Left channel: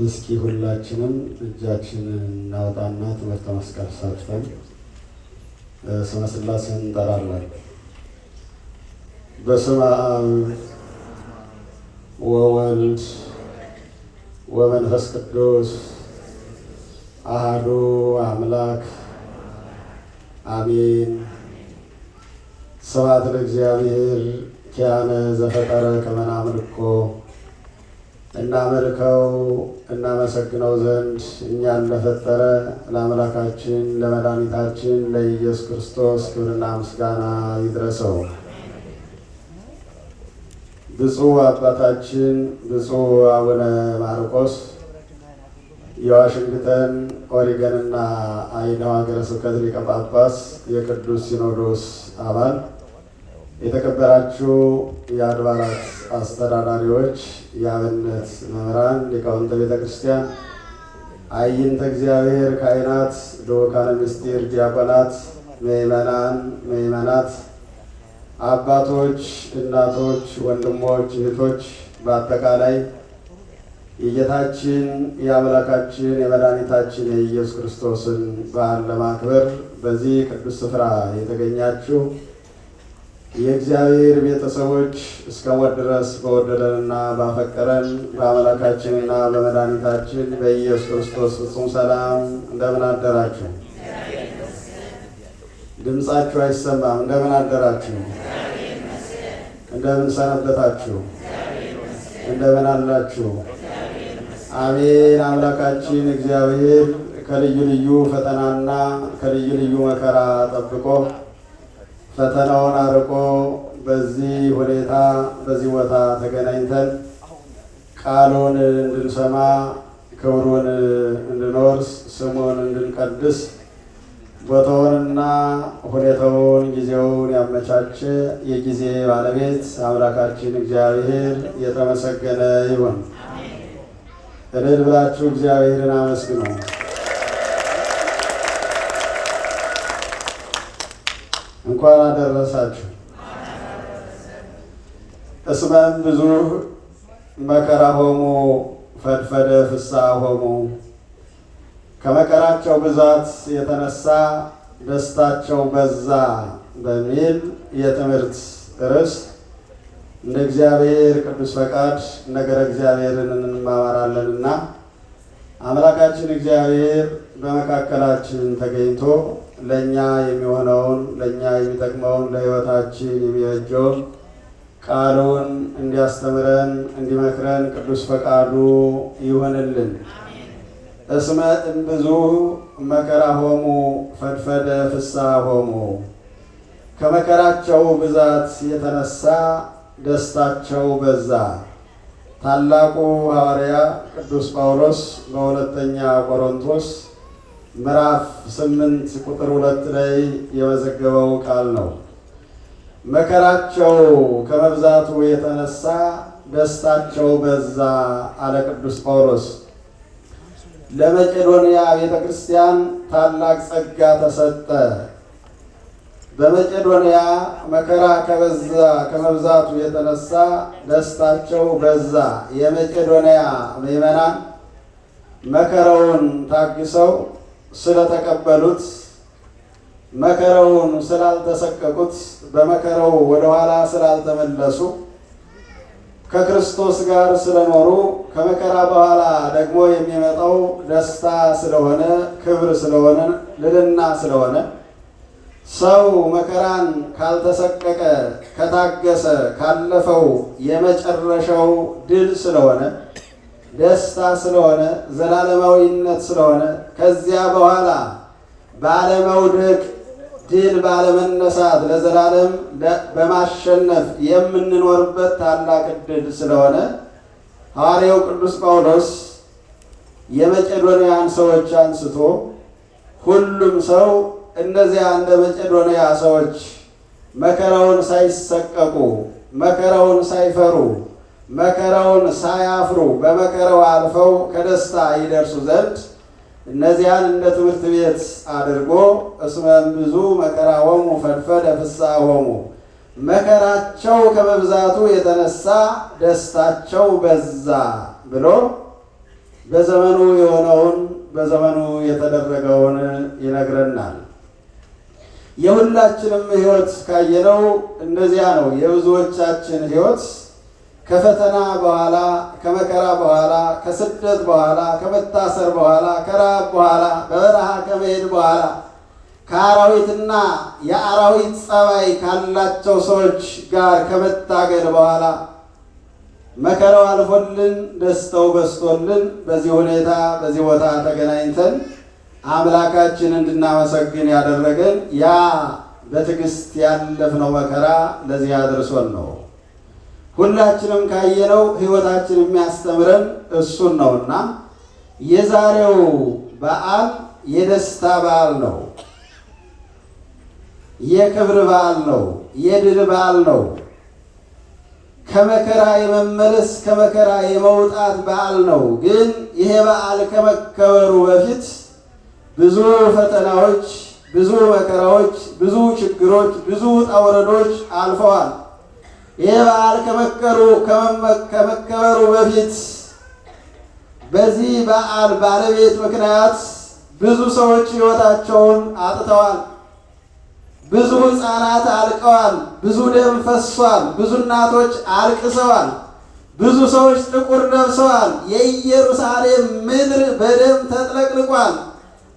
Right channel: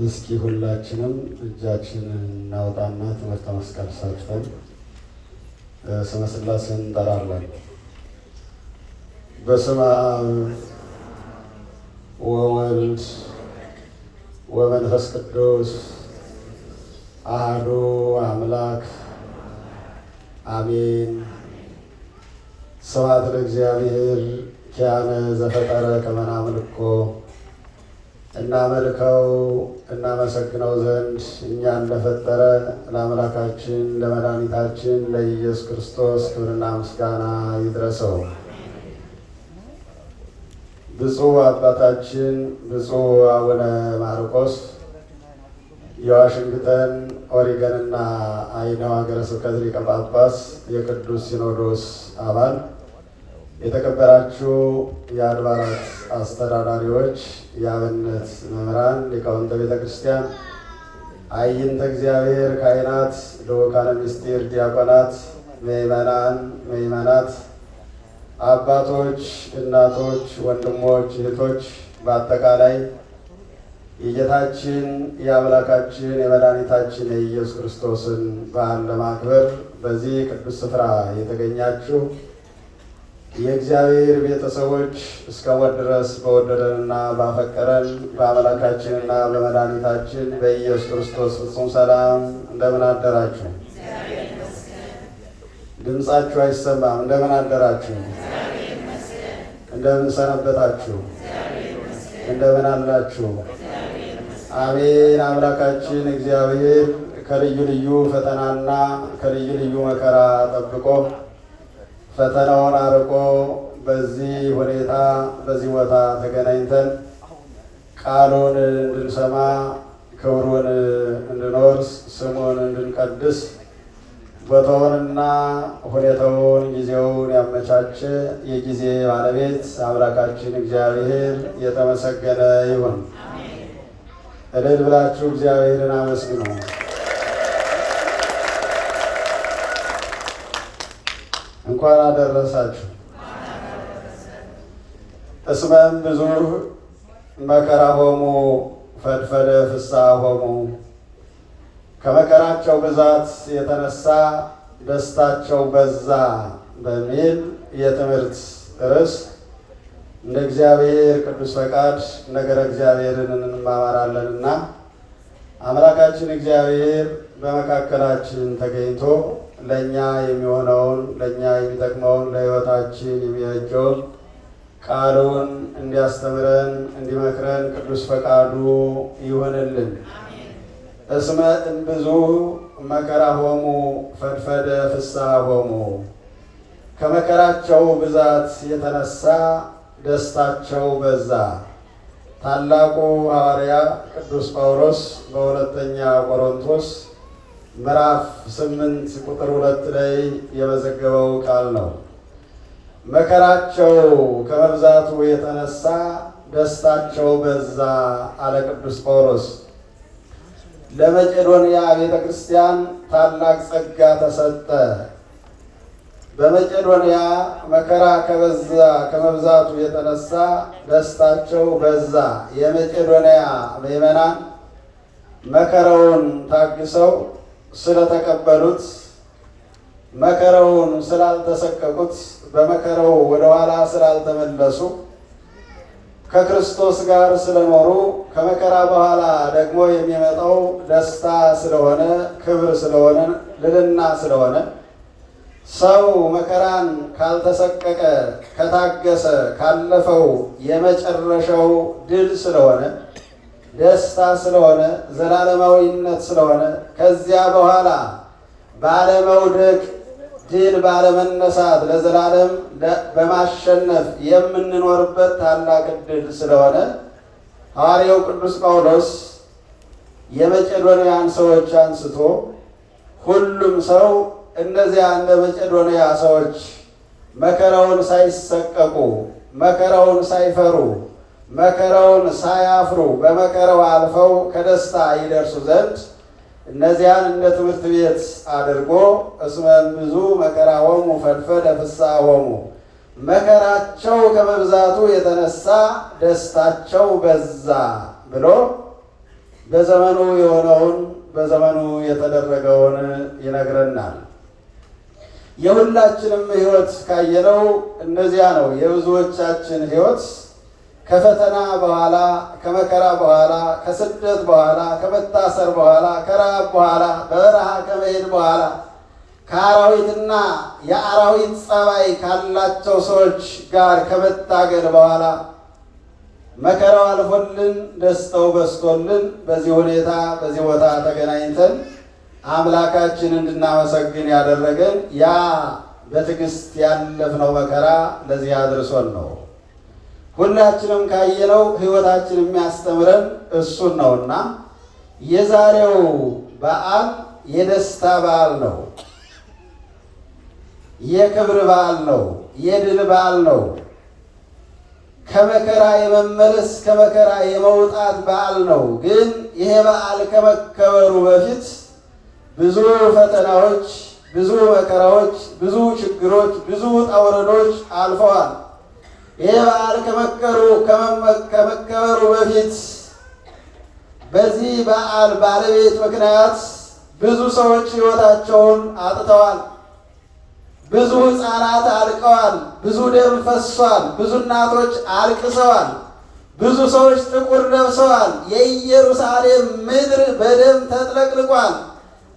እስኪ ሁላችንም እጃችንን እናውጣና ትምህርተ መስቀል ሰጥተን ስመ ሥላሴን እንጠራለን። በስመ አብ ወወልድ ወመንፈስ ቅዱስ አሐዱ አምላክ አሜን። ስብሐት ለእግዚአብሔር ኪያነ ዘፈጠረ ከመ ናምልኮ እናመልከው እናመሰግነው ዘንድ እኛን ለፈጠረ ለአምላካችን ለመድኃኒታችን ለኢየሱስ ክርስቶስ ክብርና ምስጋና ይድረሰው። ብፁዕ አባታችን ብፁዕ አቡነ ማርቆስ የዋሽንግተን ኦሪገንና አይዳው ሀገረ ስብከት ሊቀ ጳጳስ የቅዱስ ሲኖዶስ አባል፣ የተከበራችሁ የአድባራት አስተዳዳሪዎች፣ የአብነት መምህራን፣ ሊቃውንተ ቤተ ክርስቲያን፣ አይንተ እግዚአብሔር ካህናት፣ ልዑካነ ምስጢር ዲያቆናት፣ ምእመናን ምእመናት፣ አባቶች፣ እናቶች፣ ወንድሞች፣ እህቶች፣ በአጠቃላይ የጌታችን የአምላካችን የመድኃኒታችን የኢየሱስ ክርስቶስን በዓል ለማክበር በዚህ ቅዱስ ስፍራ የተገኛችሁ የእግዚአብሔር ቤተሰቦች እስከ ሞት ድረስ በወደደንና ባፈቀረን በአምላካችንና በመድኃኒታችን በኢየሱስ ክርስቶስ ፍጹም ሰላም እንደምን አደራችሁ? ድምፃችሁ አይሰማም። እንደምን አደራችሁ? እንደምን ሰነበታችሁ? እንደምን አላችሁ? አሜን። አምላካችን እግዚአብሔር ከልዩ ልዩ ፈተናና ከልዩ ልዩ መከራ ጠብቆ ፈተናውን አርቆ በዚህ ሁኔታ በዚህ ቦታ ተገናኝተን ቃሉን እንድንሰማ ክብሩን እንድንወርስ ስሙን እንድንቀድስ ቦታውንና ሁኔታውን ጊዜውን ያመቻቸ የጊዜ ባለቤት አምላካችን እግዚአብሔር የተመሰገነ ይሁን። እልል ብላችሁ እግዚአብሔርን አመስግኑ። እንኳን አደረሳችሁ። እስመም ብዙ መከራ ሆሙ ፈድፈደ ፍስሐ ሆሙ፣ ከመከራቸው ብዛት የተነሳ ደስታቸው በዛ በሚል የትምህርት ርዕስ እንደ እግዚአብሔር ቅዱስ ፈቃድ ነገረ እግዚአብሔርን እንማማራለንና አምላካችን እግዚአብሔር በመካከላችን ተገኝቶ ለእኛ የሚሆነውን ለእኛ የሚጠቅመውን ለሕይወታችን የሚበጀውን ቃሉን እንዲያስተምረን እንዲመክረን ቅዱስ ፈቃዱ ይሆንልን። እስመ እምብዙ መከራ ሆሙ ፈድፈደ ፍስሐ ሆሙ፣ ከመከራቸው ብዛት የተነሳ ደስታቸው በዛ። ታላቁ ሐዋርያ ቅዱስ ጳውሎስ በሁለተኛ ቆሮንቶስ ምዕራፍ 8 ቁጥር 2 ላይ የመዘገበው ቃል ነው። መከራቸው ከመብዛቱ የተነሳ ደስታቸው በዛ አለ ቅዱስ ጳውሎስ። ለመቄዶንያ ቤተ ክርስቲያን ታላቅ ጸጋ ተሰጠ። በመቄዶንያ መከራ ከመብዛቱ የተነሳ ደስታቸው በዛ። የመቄዶንያ ምዕመናን መከራውን ታግሰው ስለተቀበሉት፣ መከራውን ስላልተሰቀቁት፣ በመከራው ወደኋላ ስላልተመለሱ፣ ከክርስቶስ ጋር ስለኖሩ፣ ከመከራ በኋላ ደግሞ የሚመጣው ደስታ ስለሆነ፣ ክብር ስለሆነ፣ ልዕልና ስለሆነ ሰው መከራን ካልተሰቀቀ ከታገሰ ካለፈው የመጨረሻው ድል ስለሆነ፣ ደስታ ስለሆነ፣ ዘላለማዊነት ስለሆነ ከዚያ በኋላ ባለመውደቅ ድል ባለመነሳት ለዘላለም በማሸነፍ የምንኖርበት ታላቅ ዕድል ስለሆነ ሐዋርያው ቅዱስ ጳውሎስ የመቄዶንያን ሰዎች አንስቶ ሁሉም ሰው እነዚያ እንደ መቄዶንያ ሰዎች መከራውን ሳይሰቀቁ፣ መከራውን ሳይፈሩ፣ መከራውን ሳያፍሩ በመከራው አልፈው ከደስታ ይደርሱ ዘንድ እነዚያን እንደ ትምህርት ቤት አድርጎ እስመ እምብዙ መከራ ሆሙ ፈድፈደ ፍስሐ ሆሙ፣ መከራቸው ከመብዛቱ የተነሳ ደስታቸው በዛ ብሎ በዘመኑ የሆነውን በዘመኑ የተደረገውን ይነግረናል። የሁላችንም ሕይወት ካየነው እነዚያ ነው። የብዙዎቻችን ሕይወት ከፈተና በኋላ፣ ከመከራ በኋላ፣ ከስደት በኋላ፣ ከመታሰር በኋላ፣ ከረሃብ በኋላ፣ በበረሃ ከመሄድ በኋላ፣ ከአራዊትና የአራዊት ጸባይ ካላቸው ሰዎች ጋር ከመታገል በኋላ መከራው አልፎልን ደስታው በስቶልን በዚህ ሁኔታ በዚህ ቦታ ተገናኝተን አምላካችን እንድናመሰግን ያደረገን ያ በትዕግስት ያለፍነው መከራ ለዚህ አድርሶን ነው። ሁላችንም ካየነው ሕይወታችን የሚያስተምረን እሱን ነውና የዛሬው በዓል የደስታ በዓል ነው። የክብር በዓል ነው። የድል በዓል ነው። ከመከራ የመመለስ ከመከራ የመውጣት በዓል ነው። ግን ይሄ በዓል ከመከበሩ በፊት ብዙ ፈተናዎች፣ ብዙ መከራዎች፣ ብዙ ችግሮች፣ ብዙ ውጣ ውረዶች አልፈዋል። ይሄ በዓል ከመከበሩ በፊት በዚህ በዓል ባለቤት ምክንያት ብዙ ሰዎች ሕይወታቸውን አጥተዋል። ብዙ ሕፃናት አልቀዋል። ብዙ ደም ፈሷል። ብዙ እናቶች አልቅሰዋል። ብዙ ሰዎች ጥቁር ለብሰዋል። የኢየሩሳሌም ምድር በደም ተጥለቅልቋል።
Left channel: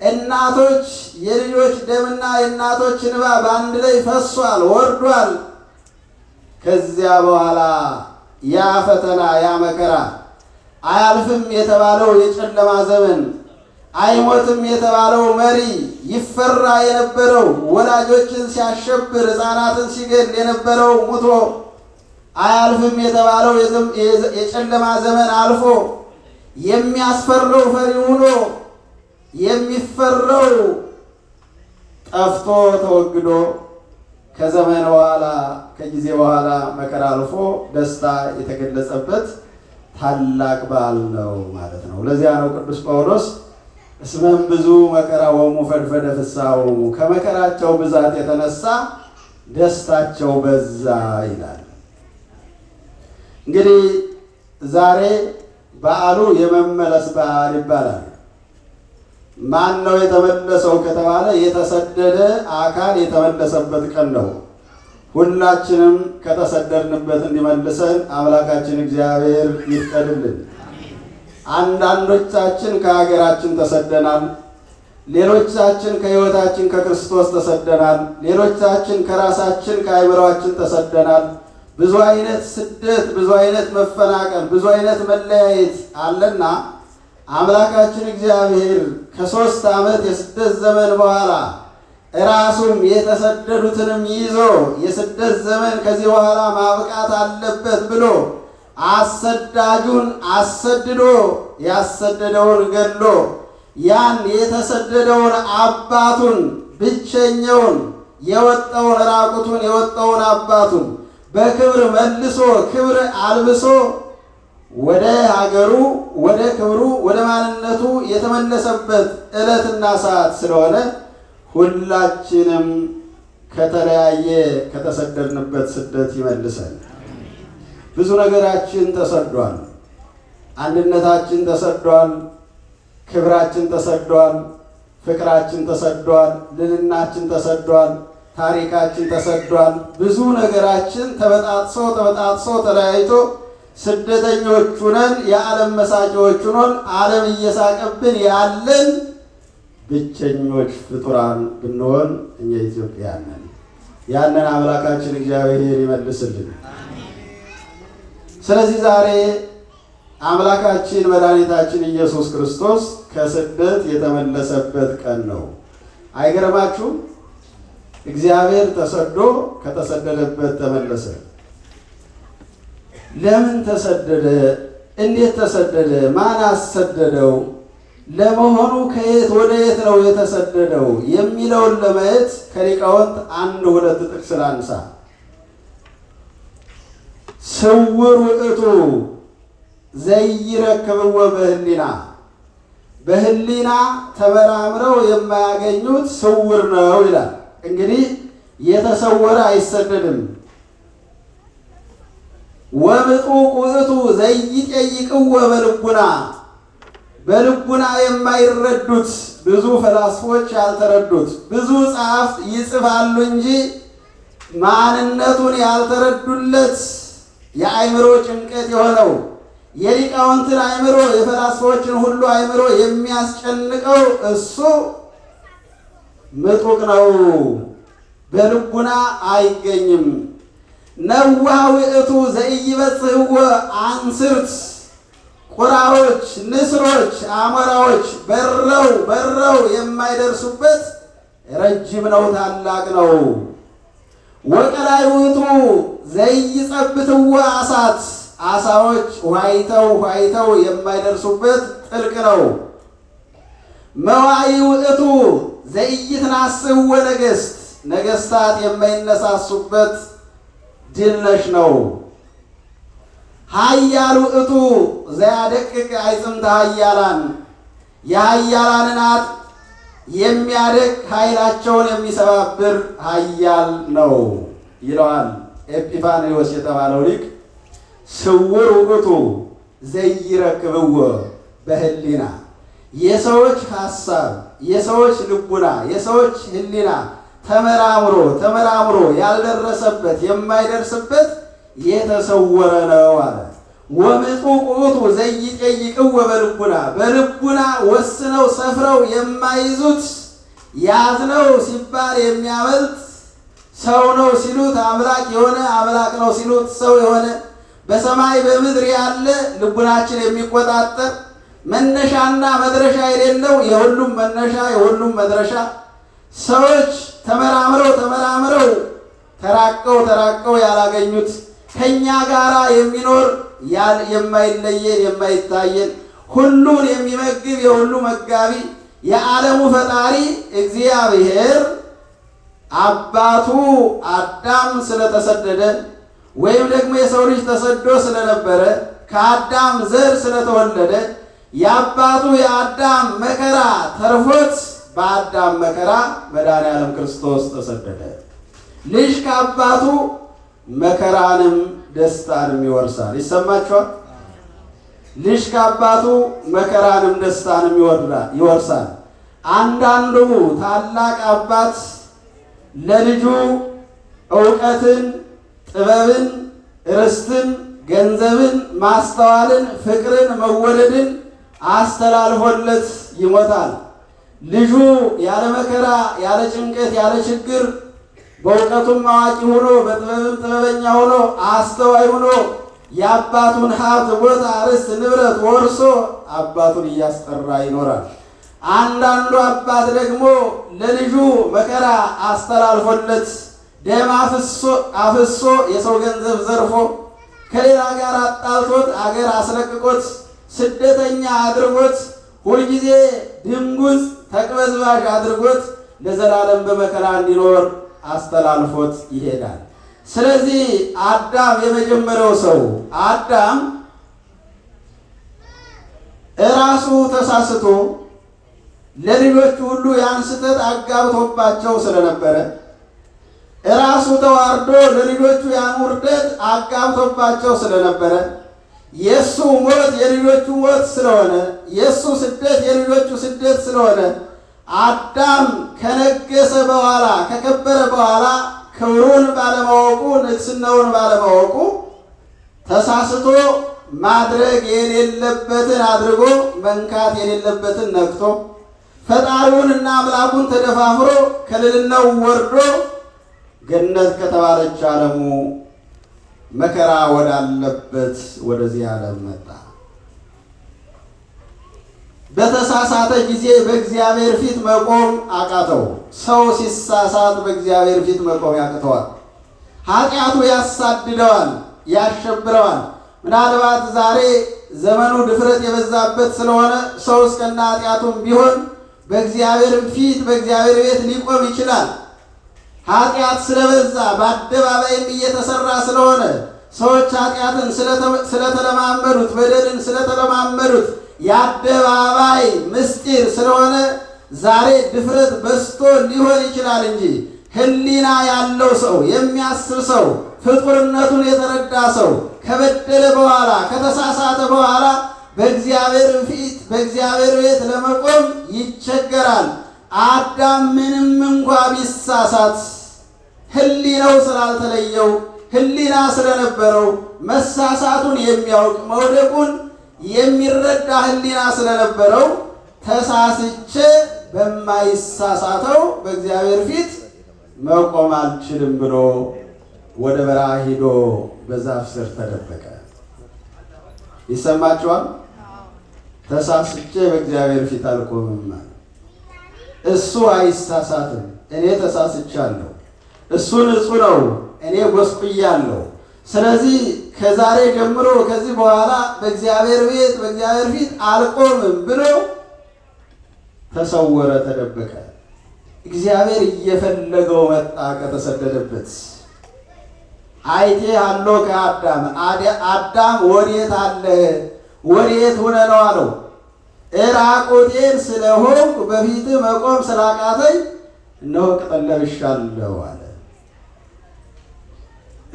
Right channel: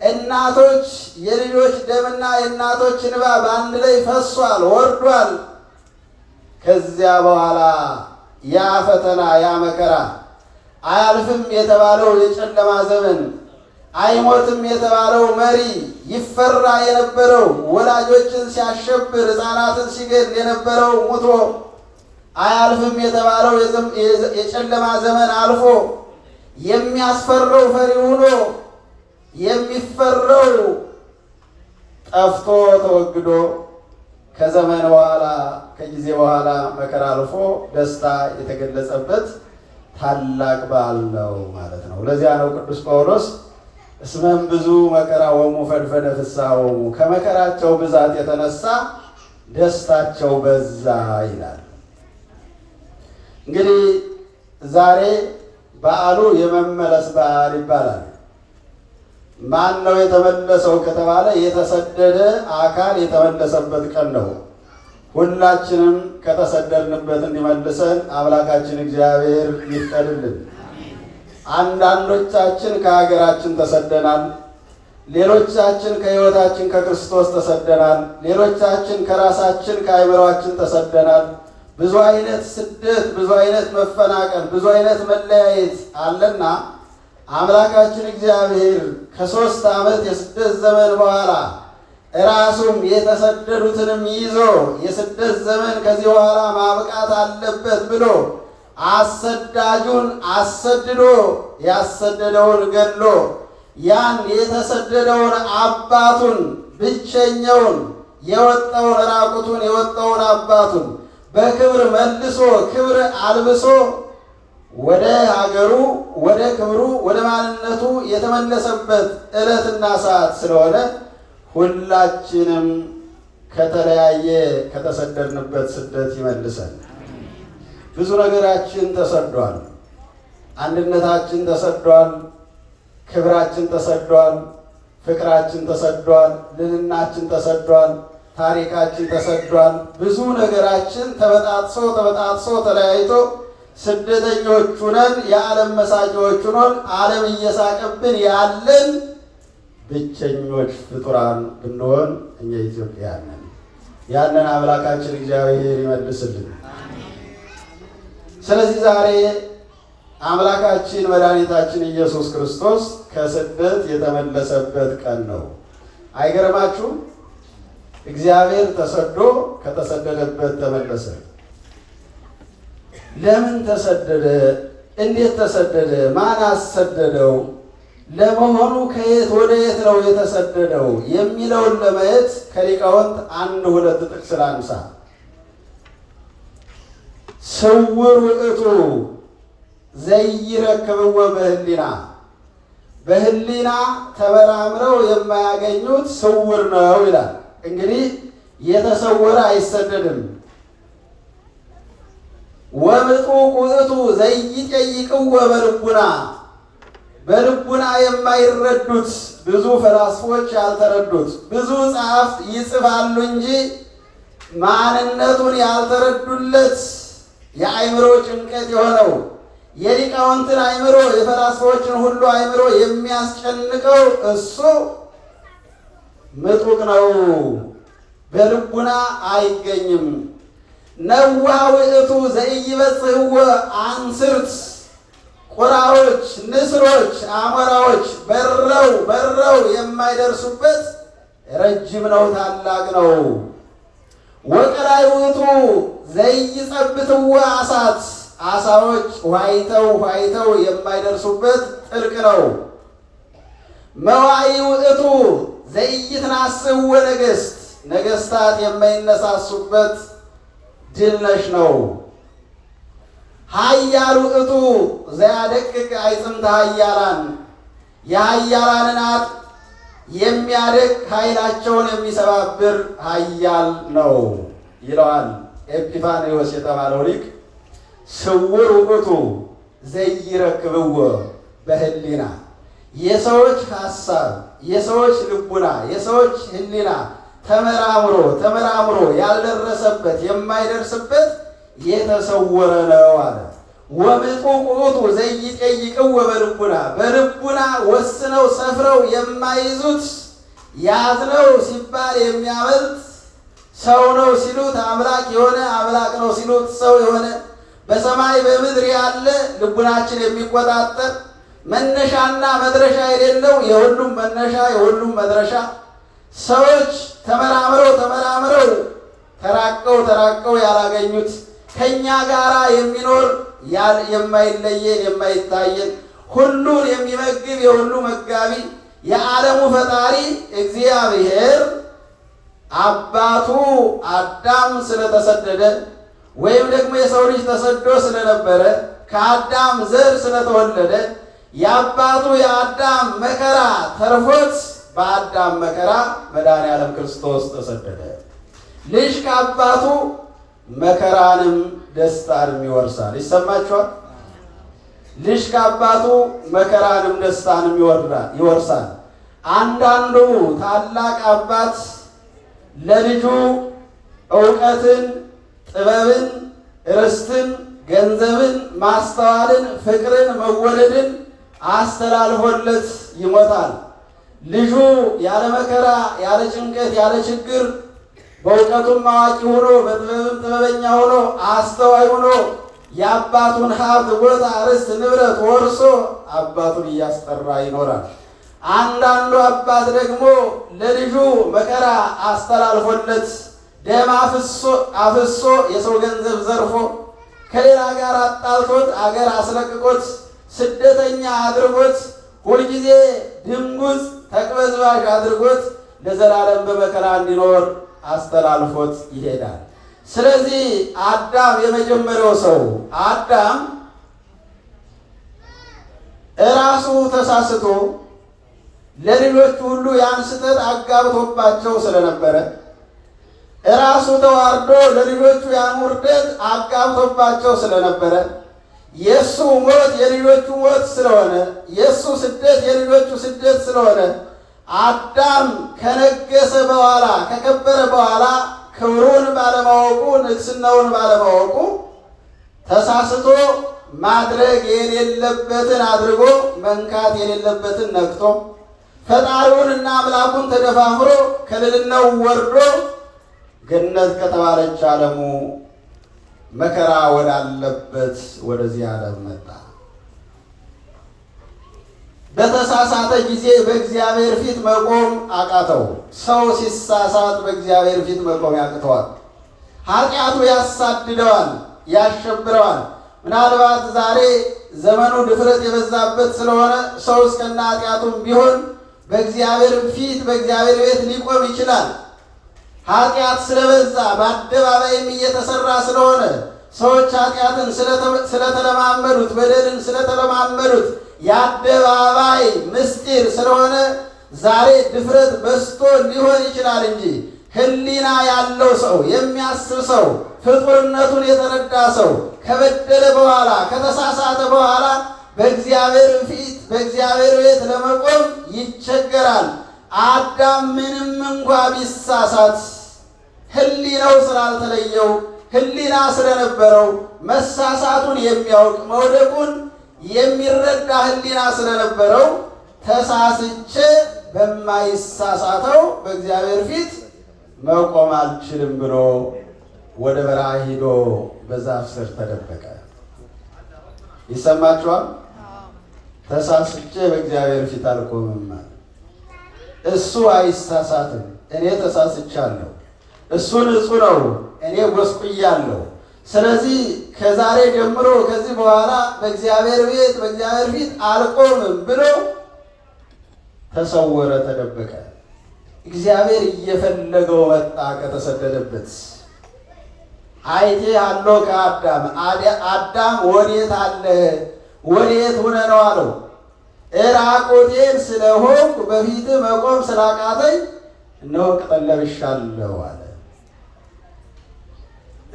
እናቶች የልጆች ደምና የእናቶች እንባ በአንድ ላይ ፈሷል፣ ወርዷል። ከዚያ በኋላ ያ ፈተና ያ መከራ አያልፍም የተባለው የጨለማ ዘመን አይሞትም የተባለው መሪ ይፈራ የነበረው ወላጆችን ሲያሸብር ሕፃናትን ሲገል የነበረው ሙቶ አያልፍም የተባለው የጨለማ ዘመን አልፎ የሚያስፈራው ፈሪ ሆኖ የሚፈራው ጠፍቶ ተወግዶ ከዘመን በኋላ ከጊዜ በኋላ መከራ አልፎ ደስታ የተገለጸበት ታላቅ በዓል ነው ማለት ነው። ለዚያ ነው ቅዱስ ጳውሎስ እስመም ብዙ መከራሆሙ ፈድፈደ ፍስሐሆሙ ከመከራቸው ብዛት የተነሳ ደስታቸው በዛ ይላል። እንግዲህ ዛሬ በዓሉ የመመለስ በዓል ይባላል። ማን ነው የተመለሰው ከተባለ የተሰደደ አካል የተመለሰበት ቀን ነው። ሁላችንም ከተሰደድንበት እንዲመልሰን አምላካችን እግዚአብሔር ይፍቀድልን። አንዳንዶቻችን ከሀገራችን ተሰደናል። ሌሎቻችን ከሕይወታችን ከክርስቶስ ተሰደናል። ሌሎቻችን ከራሳችን ከአእምሯችን ተሰደናል። ብዙ አይነት ስደት፣ ብዙ አይነት መፈናቀል፣ ብዙ አይነት መለያየት አለና አምላካችን እግዚአብሔር ከ3 ዓመት የስደት ዘመን በኋላ ራሱም የተሰደዱትንም ይዞ የስደት ዘመን ከዚህ በኋላ ማብቃት አለበት ብሎ አሰዳጁን አሰድዶ ያሰደደውን ገድሎ ያን የተሰደደውን አባቱን ብቸኛውን የወጣውን ራቁቱን የወጣውን አባቱን በክብር መልሶ ክብር አልብሶ ወደ ሀገሩ ወደ ክብሩ ወደ ማንነቱ የተመለሰበት ዕለትና ሰዓት ስለሆነ ሁላችንም ከተለያየ ከተሰደድንበት ስደት ይመልሰን። ብዙ ነገራችን ተሰዷል። አንድነታችን ተሰዷል። ክብራችን ተሰዷል። ፍቅራችን ተሰዷል። ልዕልናችን ተሰዷል። ታሪካችን ተሰዷል። ብዙ ነገራችን ተበጣጥሶ ተለያይቶ ስደተኞች ሁነን የዓለም መሳቂዎች ሁነን ዓለም እየሳቀብን ያለን ብቸኞች ፍጡራን ብንሆን እኛ ኢትዮጵያውያን ነን። ያንን አምላካችን እግዚአብሔር ይመልስልን። ስለዚህ ዛሬ አምላካችን መድኃኒታችን ኢየሱስ ክርስቶስ ከስደት የተመለሰበት ቀን ነው። አይገርማችሁም? እግዚአብሔር ተሰዶ ከተሰደደበት ተመለሰ። ለምን ተሰደደ? እንዴት ተሰደደ? ማን አሰደደው? ለመሆኑ ከየት ወደ የት ነው የተሰደደው የሚለውን ለማየት ከሊቃውንት 1-2 ጥቅስ ላንሳ። ስውር ውእቱ ዘይረክብዎ በህሊና፣ በህሊና ተመራምረው የማያገኙት ስውር ነው ይላል። እንግዲህ የተሰወረ አይሰደድም። ወምጡቅ ውእቱ ዘይጠይቅዎ በልቡና፣ በልቡና የማይረዱት ብዙ ፈላስፎች ያልተረዱት ብዙ ጸሐፍት ይጽፋሉ እንጂ ማንነቱን ያልተረዱለት የአእምሮ ጭንቀት የሆነው የሊቃውንትን አእምሮ የፈላስፎችን ሁሉ አእምሮ የሚያስጨንቀው እሱ ምጡቅ ነው፣ በልቡና አይገኝም። ነዋህ ውእቱ ዘኢይበጽሕዎ አንስርት፣ ቁራዎች፣ ንስሮች፣ አሞራዎች በረው የማይደርሱበት ረጅም ነው፣ ታላቅ ነው። ወቀላይ ውእቱ ዘይጸብትዎ አሳት፣ አሳዎች ዋይተው የማይደርሱበት ጥልቅ ነው። መዋኢ ውእቱ ዘይትናስሕዎ ነገሥት፣ ነገሥታት የማይነሳሱበት ድል ነሽ ነው። ኃያል ውእቱ ዘያደቅቅ አዕጽምተ ኃያላን፣ የኃያላንን አጥ የሚያደቅ ኃይላቸውን የሚሰባብር ኃያል ነው ይለዋል ኤጲፋንዮስ የተባለው ሊቅ። ስውር ውእቱ ዘይረክብዎ በህሊና፣ የሰዎች ሐሳብ፣ የሰዎች ልቡና፣ የሰዎች ህሊና ተመራምሮ ያልደረሰበት የማይደርስበት የተሰወረ ነው አለ። ወምጡቅ ውእቱ ዘይጠይቅዎ በልቡና፣ በልቡና ወስነው ሰፍረው የማይዙት ያዝነው ሲባል የሚያመልጥ ሰው ነው ሲሉት አምላክ የሆነ አምላክ ነው ሲሉት ሰው የሆነ በሰማይ በምድር ያለ ልቡናችን የሚቆጣጠር መነሻና መድረሻ የሌለው የሁሉም መነሻ የሁሉም መድረሻ ሰዎች ተመራምረው ተራቀው ያላገኙት ከኛ ጋር የሚኖር የማይለየን የማይታየን ሁሉን የሚመግብ የሁሉ መጋቢ የዓለሙ ፈጣሪ እግዚአብሔር አባቱ አዳም ስለተሰደደ ወይም ደግሞ የሰው ልጅ ተሰዶ ስለነበረ ከአዳም ዘር ስለተወለደ የአባቱ የአዳም መከራ ተርፎት በአዳም መከራ መድኃኔዓለም ክርስቶስ ተሰደደ። ልጅ ከአባቱ መከራንም ደስታንም ይወርሳል። ይሰማችኋል? ልጅ ከአባቱ መከራንም ደስታንም ይወርሳል። አንዳንዱ ታላቅ አባት ለልጁ ዕውቀትን፣ ጥበብን፣ ርስትን፣ ገንዘብን፣ ማስተዋልን፣ ፍቅርን፣ መወደድን አስተላልፎለት ይሞታል። ልጁ ያለ መከራ፣ ያለ ጭንቀት፣ ያለ ችግር በእውቀቱም አዋቂ ሆኖ በጥበብም ጥበበኛ ሆኖ አስተዋይ ሆኖ የአባቱን ሀብት፣ ቦታ፣ ርስት፣ ንብረት ወርሶ አባቱን እያስጠራ ይኖራል። አንዳንዱ አባት ደግሞ ለልጁ መከራ አስተላልፎለት ደም አፍሶ የሰው ገንዘብ ዘርፎ ከሌላ ጋር አጣልቶት አገር አስለቅቆት ስደተኛ አድርጎት ሁልጊዜ ድንጉዝ ተቅበዝባዥ አድርጎት ለዘላለም በመከራ እንዲኖር አስተላልፎት ይሄዳል። ስለዚህ አዳም የመጀመሪያው ሰው አዳም እራሱ ተሳስቶ ለልጆቹ ሁሉ ያን ስህተት አጋብቶባቸው ስለነበረ እራሱ ተዋርዶ ለልጆቹ ያን ውርደት አጋብቶባቸው ስለነበረ የእሱ ሞት የልጆቹ ሞት ስለሆነ የእሱ ስደት የልጆቹ ስደት ስለሆነ አዳም ከነገሰ በኋላ ከከበረ በኋላ ክብሩን ባለማወቁ ንግስናውን ባለማወቁ ተሳስቶ ማድረግ የሌለበትን አድርጎ መንካት የሌለበትን ነክቶ ፈጣሪውንና አምላኩን ተደፋፍሮ ከልዕልናው ወርዶ ገነት ከተባለች ዓለሙ መከራ ወዳለበት ወደዚህ ዓለም መጣ። በተሳሳተ ጊዜ በእግዚአብሔር ፊት መቆም አቃተው። ሰው ሲሳሳት በእግዚአብሔር ፊት መቆም ያቅተዋል። ኃጢአቱ ያሳድደዋል፣ ያሸብረዋል። ምናልባት ዛሬ ዘመኑ ድፍረት የበዛበት ስለሆነ ሰው እስከነ ኃጢአቱም ቢሆን በእግዚአብሔር ፊት በእግዚአብሔር ቤት ሊቆም ይችላል። ኃጢአት ስለበዛ በአደባባይም እየተሰራ ስለሆነ ሰዎች ኃጢአትን ስለተለማመዱት በደልን ስለተለማመዱት የአደባባይ ምስጢር ስለሆነ ዛሬ ድፍረት በዝቶ ሊሆን ይችላል እንጂ ሕሊና ያለው ሰው የሚያስብ ሰው ፍጡርነቱን የተረዳ ሰው ከበደለ በኋላ ከተሳሳተ በኋላ በእግዚአብሔር ፊት በእግዚአብሔር ቤት ለመቆም ይቸገራል። አዳም ምንም እንኳ ቢሳሳት ሕሊናው ስላልተለየው ሕሊና ስለነበረው መሳሳቱን የሚያውቅ መውደቁን የሚረዳ ሕሊና ስለነበረው ተሳስቼ በማይሳሳተው በእግዚአብሔር ፊት መቆም አልችልም ብሎ ወደ በረሃ ሂዶ በዛፍ ስር ተደበቀ። ይሰማችኋል? ተሳስቼ በእግዚአብሔር ፊት አልቆምም። እሱ አይሳሳትም፣ እኔ ተሳስቻለሁ። እሱ ንጹሕ ነው፣ እኔ ጎስቁያለሁ። ስለዚህ ከዛሬ ጀምሮ ከዚህ በኋላ በእግዚአብሔር ቤት በእግዚአብሔር ፊት አልቆምም ብሎ ተሰወረ፣ ተደበቀ። እግዚአብሔር እየፈለገው መጣ ከተሰደደበት። አይቴ አለው ከአዳም አዳም ወዴት አለ? ወዴት ሆነ ነው አለው። እራቁቴን ስለሆንኩ በፊትህ መቆም ስላቃተኝ እነሆ ቅጠል ለብሻለሁ አለ።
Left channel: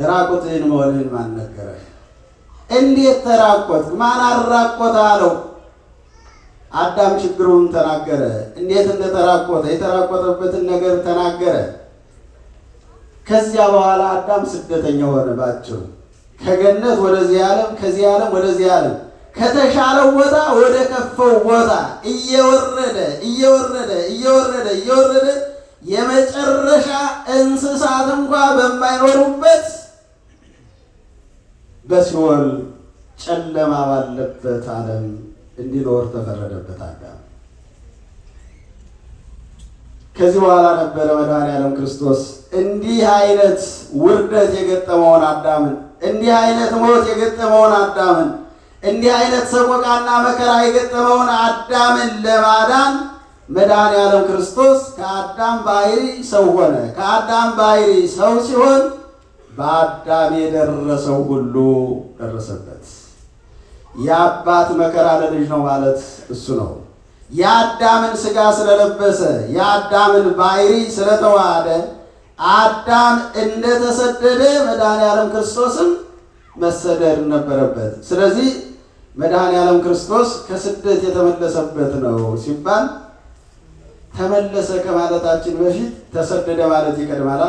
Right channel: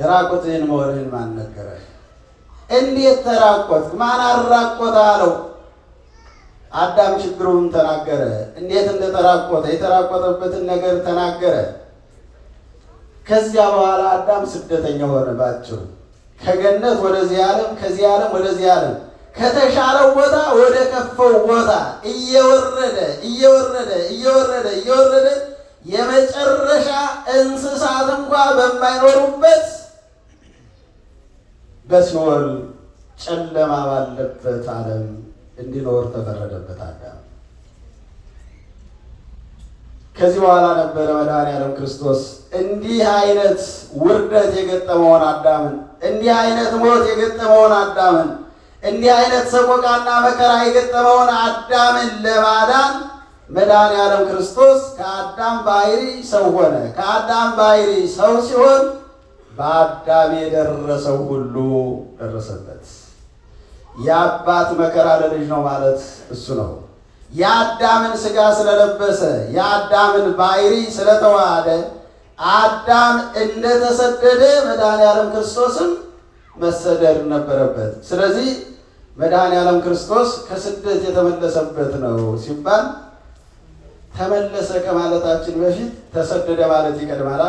ራቁትህን መሆንህን ማን ነገረህ? እንዴት ተራቆትክ? ማን አራቆተ አለው። አዳም ችግሩን ተናገረ። እንዴት እንደተራቆተ የተራቆተበትን ነገር ተናገረ። ከዚያ በኋላ አዳም ስደተኛ ሆነ። ባጭሩ ከገነት ወደዚህ ዓለም፣ ከዚህ ዓለም ወደዚህ ዓለም፣ ከተሻለው ቦታ ወደ ከፈው ቦታ እየወረደ እየወረደ እየወረደ እየወረደ የመጨረሻ እንስሳት እንኳ በማይኖሩበት በሲኦል ጨለማ ባለበት ዓለም እንዲኖር ተፈረደበት አዳም። ከዚህ በኋላ ነበረ መድኃኔዓለም ክርስቶስ እንዲህ አይነት ውርደት የገጠመውን አዳምን፣ እንዲህ አይነት ሞት የገጠመውን አዳምን፣ እንዲህ አይነት ሰቆቃና መከራ የገጠመውን አዳምን ለማዳን መድኃኔዓለም ክርስቶስ ከአዳም ባሕሪ ሰው ሆነ። ከአዳም ባሕሪ ሰው ሲሆን በአዳም የደረሰው ሁሉ ደረሰበት። የአባት መከራ ለልጅ ነው ማለት እሱ ነው። የአዳምን ሥጋ ስለለበሰ የአዳምን ባሕሪ ስለተዋሃደ አዳም እንደተሰደደ መድኃኔዓለም ክርስቶስም መሰደድ ነበረበት። ስለዚህ መድኃኔዓለም ክርስቶስ ከስደት የተመለሰበት ነው ሲባል ተመለሰ ከማለታችን በፊት ተሰደደ ማለት ይቀድማል።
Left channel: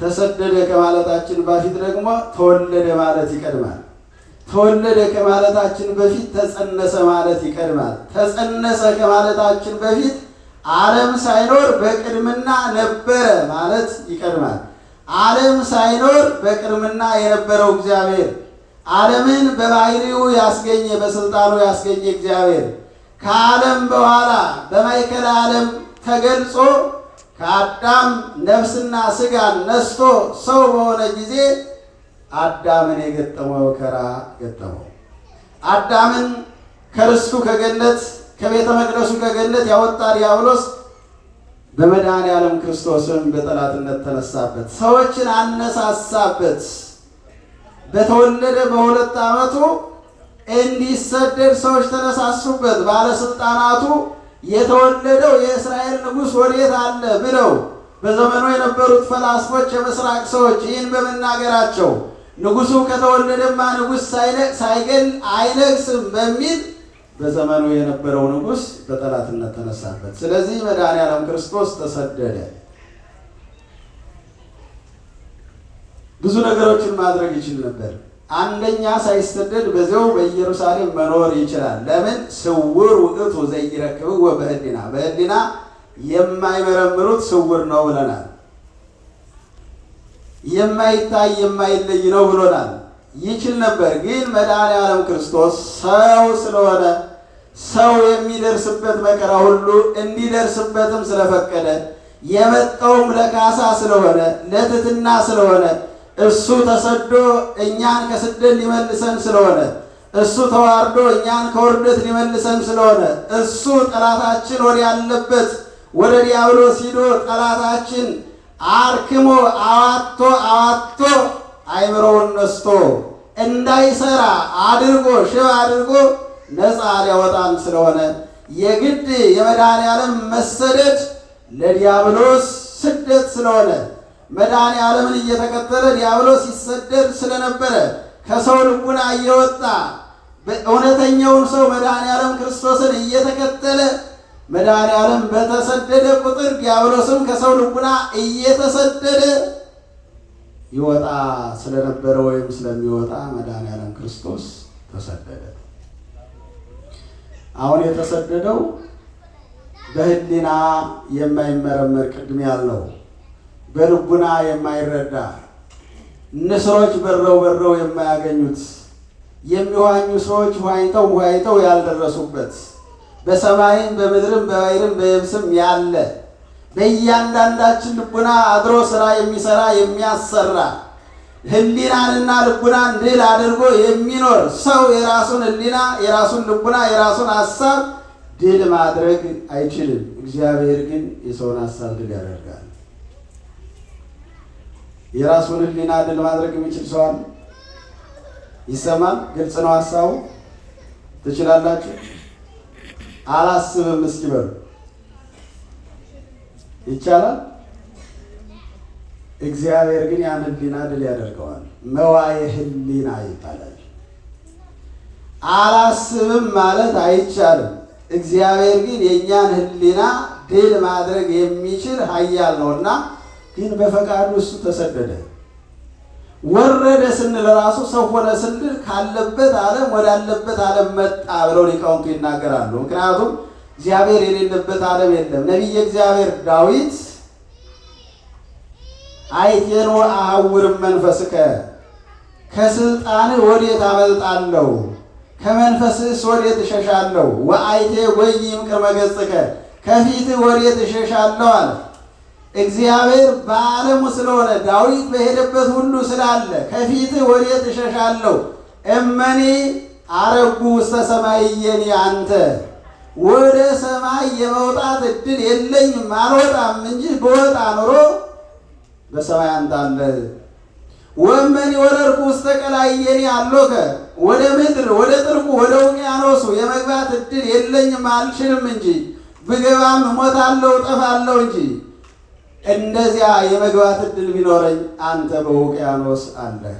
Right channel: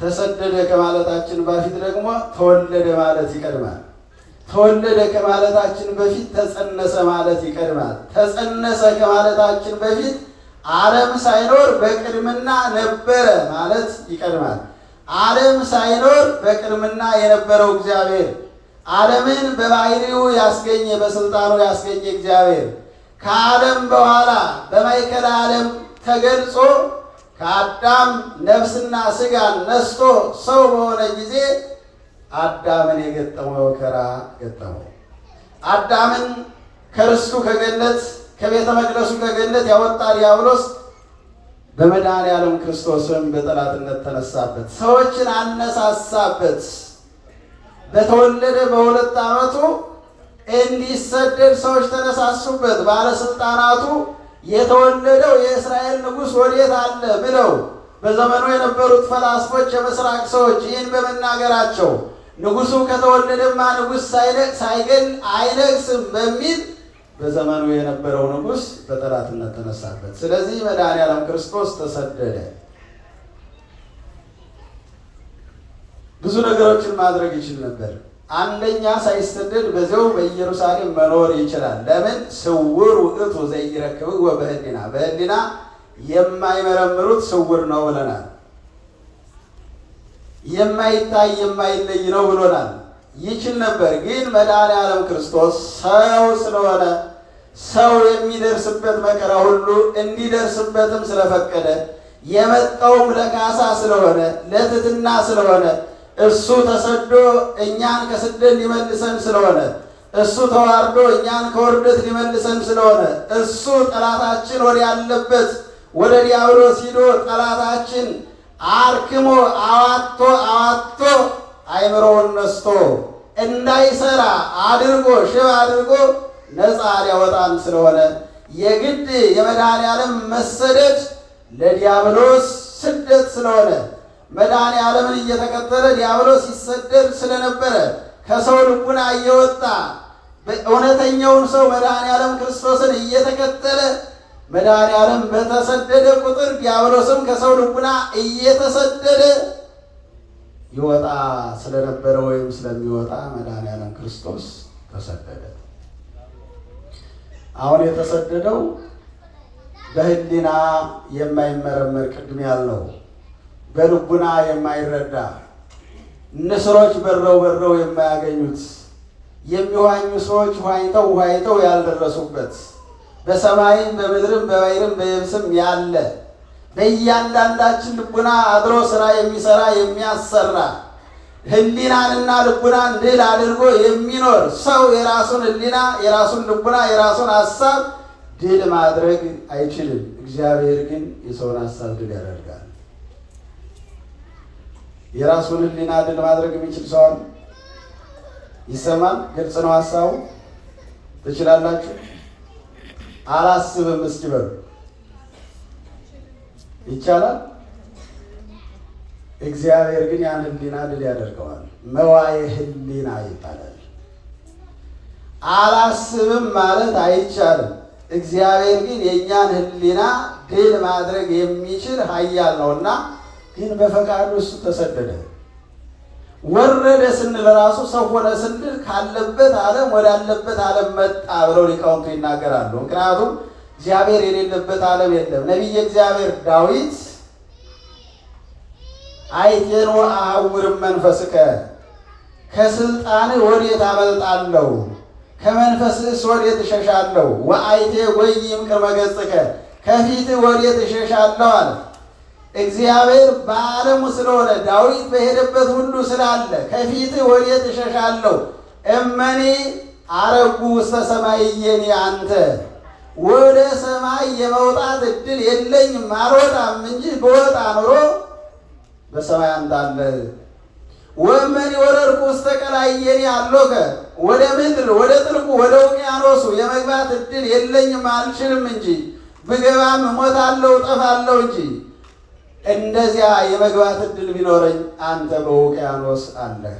ተሰደደ ከማለታችን በፊት ደግሞ ተወለደ ማለት ይቀድማል። ተወለደ ከማለታችን በፊት ተጸነሰ ማለት ይቀድማል። ተጸነሰ ከማለታችን በፊት ዓለም ሳይኖር በቅድምና ነበረ ማለት ይቀድማል። ዓለም ሳይኖር በቅድምና የነበረው እግዚአብሔር ዓለምን በባሕሪው ያስገኘ በስልጣኑ ያስገኘ እግዚአብሔር ከዓለም በኋላ በማእከለ ዓለም ተገልጾ ከአዳም ነፍስና ሥጋን ነስቶ ሰው በሆነ ጊዜ አዳምን የገጠመው መከራ ገጠመው። አዳምን ከርስቱ ከገነት ከቤተ መቅደሱ ከገነት ያወጣ ዲያብሎስ በመድኃኔዓለም ክርስቶስም በጠላትነት ተነሳበት፣ ሰዎችን አነሳሳበት። በተወለደ በ2 ዓመቱ እንዲሰደድ ሰዎች ተነሳሱበት። ባለስልጣናቱ የተወለደው የእስራኤል ንጉሥ ወዴት አለ ብለው በዘመኑ የነበሩት ፈላስፎች የምስራቅ ሰዎች ይህን በመናገራቸው ንጉሡ ከተወለደማ ንጉሥ ሳይገል አይነግስም በሚል በዘመኑ የነበረው ንጉሥ በጠላትነት ተነሳበት። ስለዚህ መድኃኔዓለም ክርስቶስ ተሰደደ። ብዙ ነገሮችን ማድረግ ይችል ነበር። አንደኛ ሳይሰደድ በዚያው በኢየሩሳሌም መኖር ይችላል። ለምን? ስውር ውእቱ ዘይረክብዎ በህሊና፣ በህሊና የማይመረምሩት ስውር ነው ብለናል። የማይታይ የማይለይ ነው ብሎናል። ይችል ነበር። ግን መድኃኔዓለም ክርስቶስ ሰው ስለሆነ ሰው የሚደርስበት መከራ ሁሉ እንዲደርስበትም ስለፈቀደ የመጣውም ለካሳ ስለሆነ ለትሕትና ስለሆነ እሱ ተሰዶ እኛን ከስደት ሊመልሰን ስለሆነ እሱ ተዋርዶ እኛን ከውርደት ሊመልሰን ስለሆነ እሱ ጠላታችን ወደ ያለበት ወደ ዲያብሎስ ሂዶ ጠላታችን አርክሞ አዋቶ አይምሮውን ነስቶ እንዳይሰራ አድርጎ ሽባ አድርጎ ነፃ ሊያወጣን ስለሆነ የግድ የመድኃኔዓለም መሰደድ ለዲያብሎስ ስደት ስለሆነ መድኃኔዓለምን እየተከተለ ዲያብሎስ ይሰደድ ስለነበረ ከሰው ልቡና እየወጣ እውነተኛውን ሰው መድኃኔዓለም ክርስቶስን እየተከተለ መድኃኔዓለም በተሰደደ ቁጥር ዲያብሎስም ከሰው ልቡና እየተሰደደ ይወጣ ስለነበረ ወይም ስለሚወጣ መድኃኔዓለም ክርስቶስ ተሰደደ። አሁን የተሰደደው በሕሊና የማይመረመር ቅድም ያልነው በልቡና የማይረዳ ንስሮች በረው የማያገኙት የሚዋኙ ሰዎች ዋኝተው ያልደረሱበት በሰማይም በምድርም በባሕርም በየብስም ያለ በእያንዳንዳችን ልቡና አድሮ ስራ የሚሰራ የሚያሰራ ሕሊናንና ልቡናን ድል አድርጎ የሚኖር ሰው የራሱን ሕሊና የራሱን ልቡና የራሱን ሀሳብ ድል ማድረግ አይችልም። እግዚአብሔር ግን የሰውን ሀሳብ ድል ያደርጋል። የራሱን ሕሊና ድል ማድረግ የሚችል ሰው አለ? ይሰማል? ግልጽ ነው ሀሳቡ? ትችላላችሁ? አላስብም እስኪ በሉ። ይቻላል? እግዚአብሔር ግን ያን ሕሊና ድል ያደርገዋል። መዋየ ሕሊና ይባላል። አላስብም ማለት አይቻልም። እግዚአብሔር ግን የእኛን ሕሊና ድል ማድረግ የሚችል ኃያል ነውና ግን በፈቃዱ እሱ ተሰደደ። ወረደ ስንል ራሱ ሰው ሆነ ስንል ካለበት ዓለም ወዳለበት ዓለም መጣ ብለው ሊቃውንቱ ይናገራሉ። ምክንያቱም እግዚአብሔር የሌለበት ዓለም የለም። ነቢየ እግዚአብሔር ዳዊት አይቴኖ አሐውርም መንፈስከ ከስልጣንህ ወዴት አመልጣለሁ? ከመንፈስህስ ወዴት እሸሻለሁ? ወአይቴ ጎይም ቅድመ ገጽከ ከፊትህ ወዴት እሸሻለሁ አለ። እግዚአብሔር በዓለሙ ስለሆነ ዳዊት በሄደበት ሁሉ ስላለ ከፊትህ ወዴት እሸሻለሁ? እመኔ አረጉ ውስተ ሰማይየኒ አንተ ወደ ሰማይ የመውጣት እድል የለኝም አልወጣም እንጂ በወጣ ኑሮ በሰማይ አንተ አለ። ወእመኒ ወረድኩ ውስተ ቀላይየኒ አሎከ ወደ ምድር ወደ ጥልቁ ወደ ውቅያኖሱ የመግባት እድል የለኝም አልችልም እንጂ ብገባም እሞታለሁ እጠፋለሁ እንጂ እንደዚያ የመግባት እድል ቢኖረኝ አንተ በውቅያኖስ አለህ።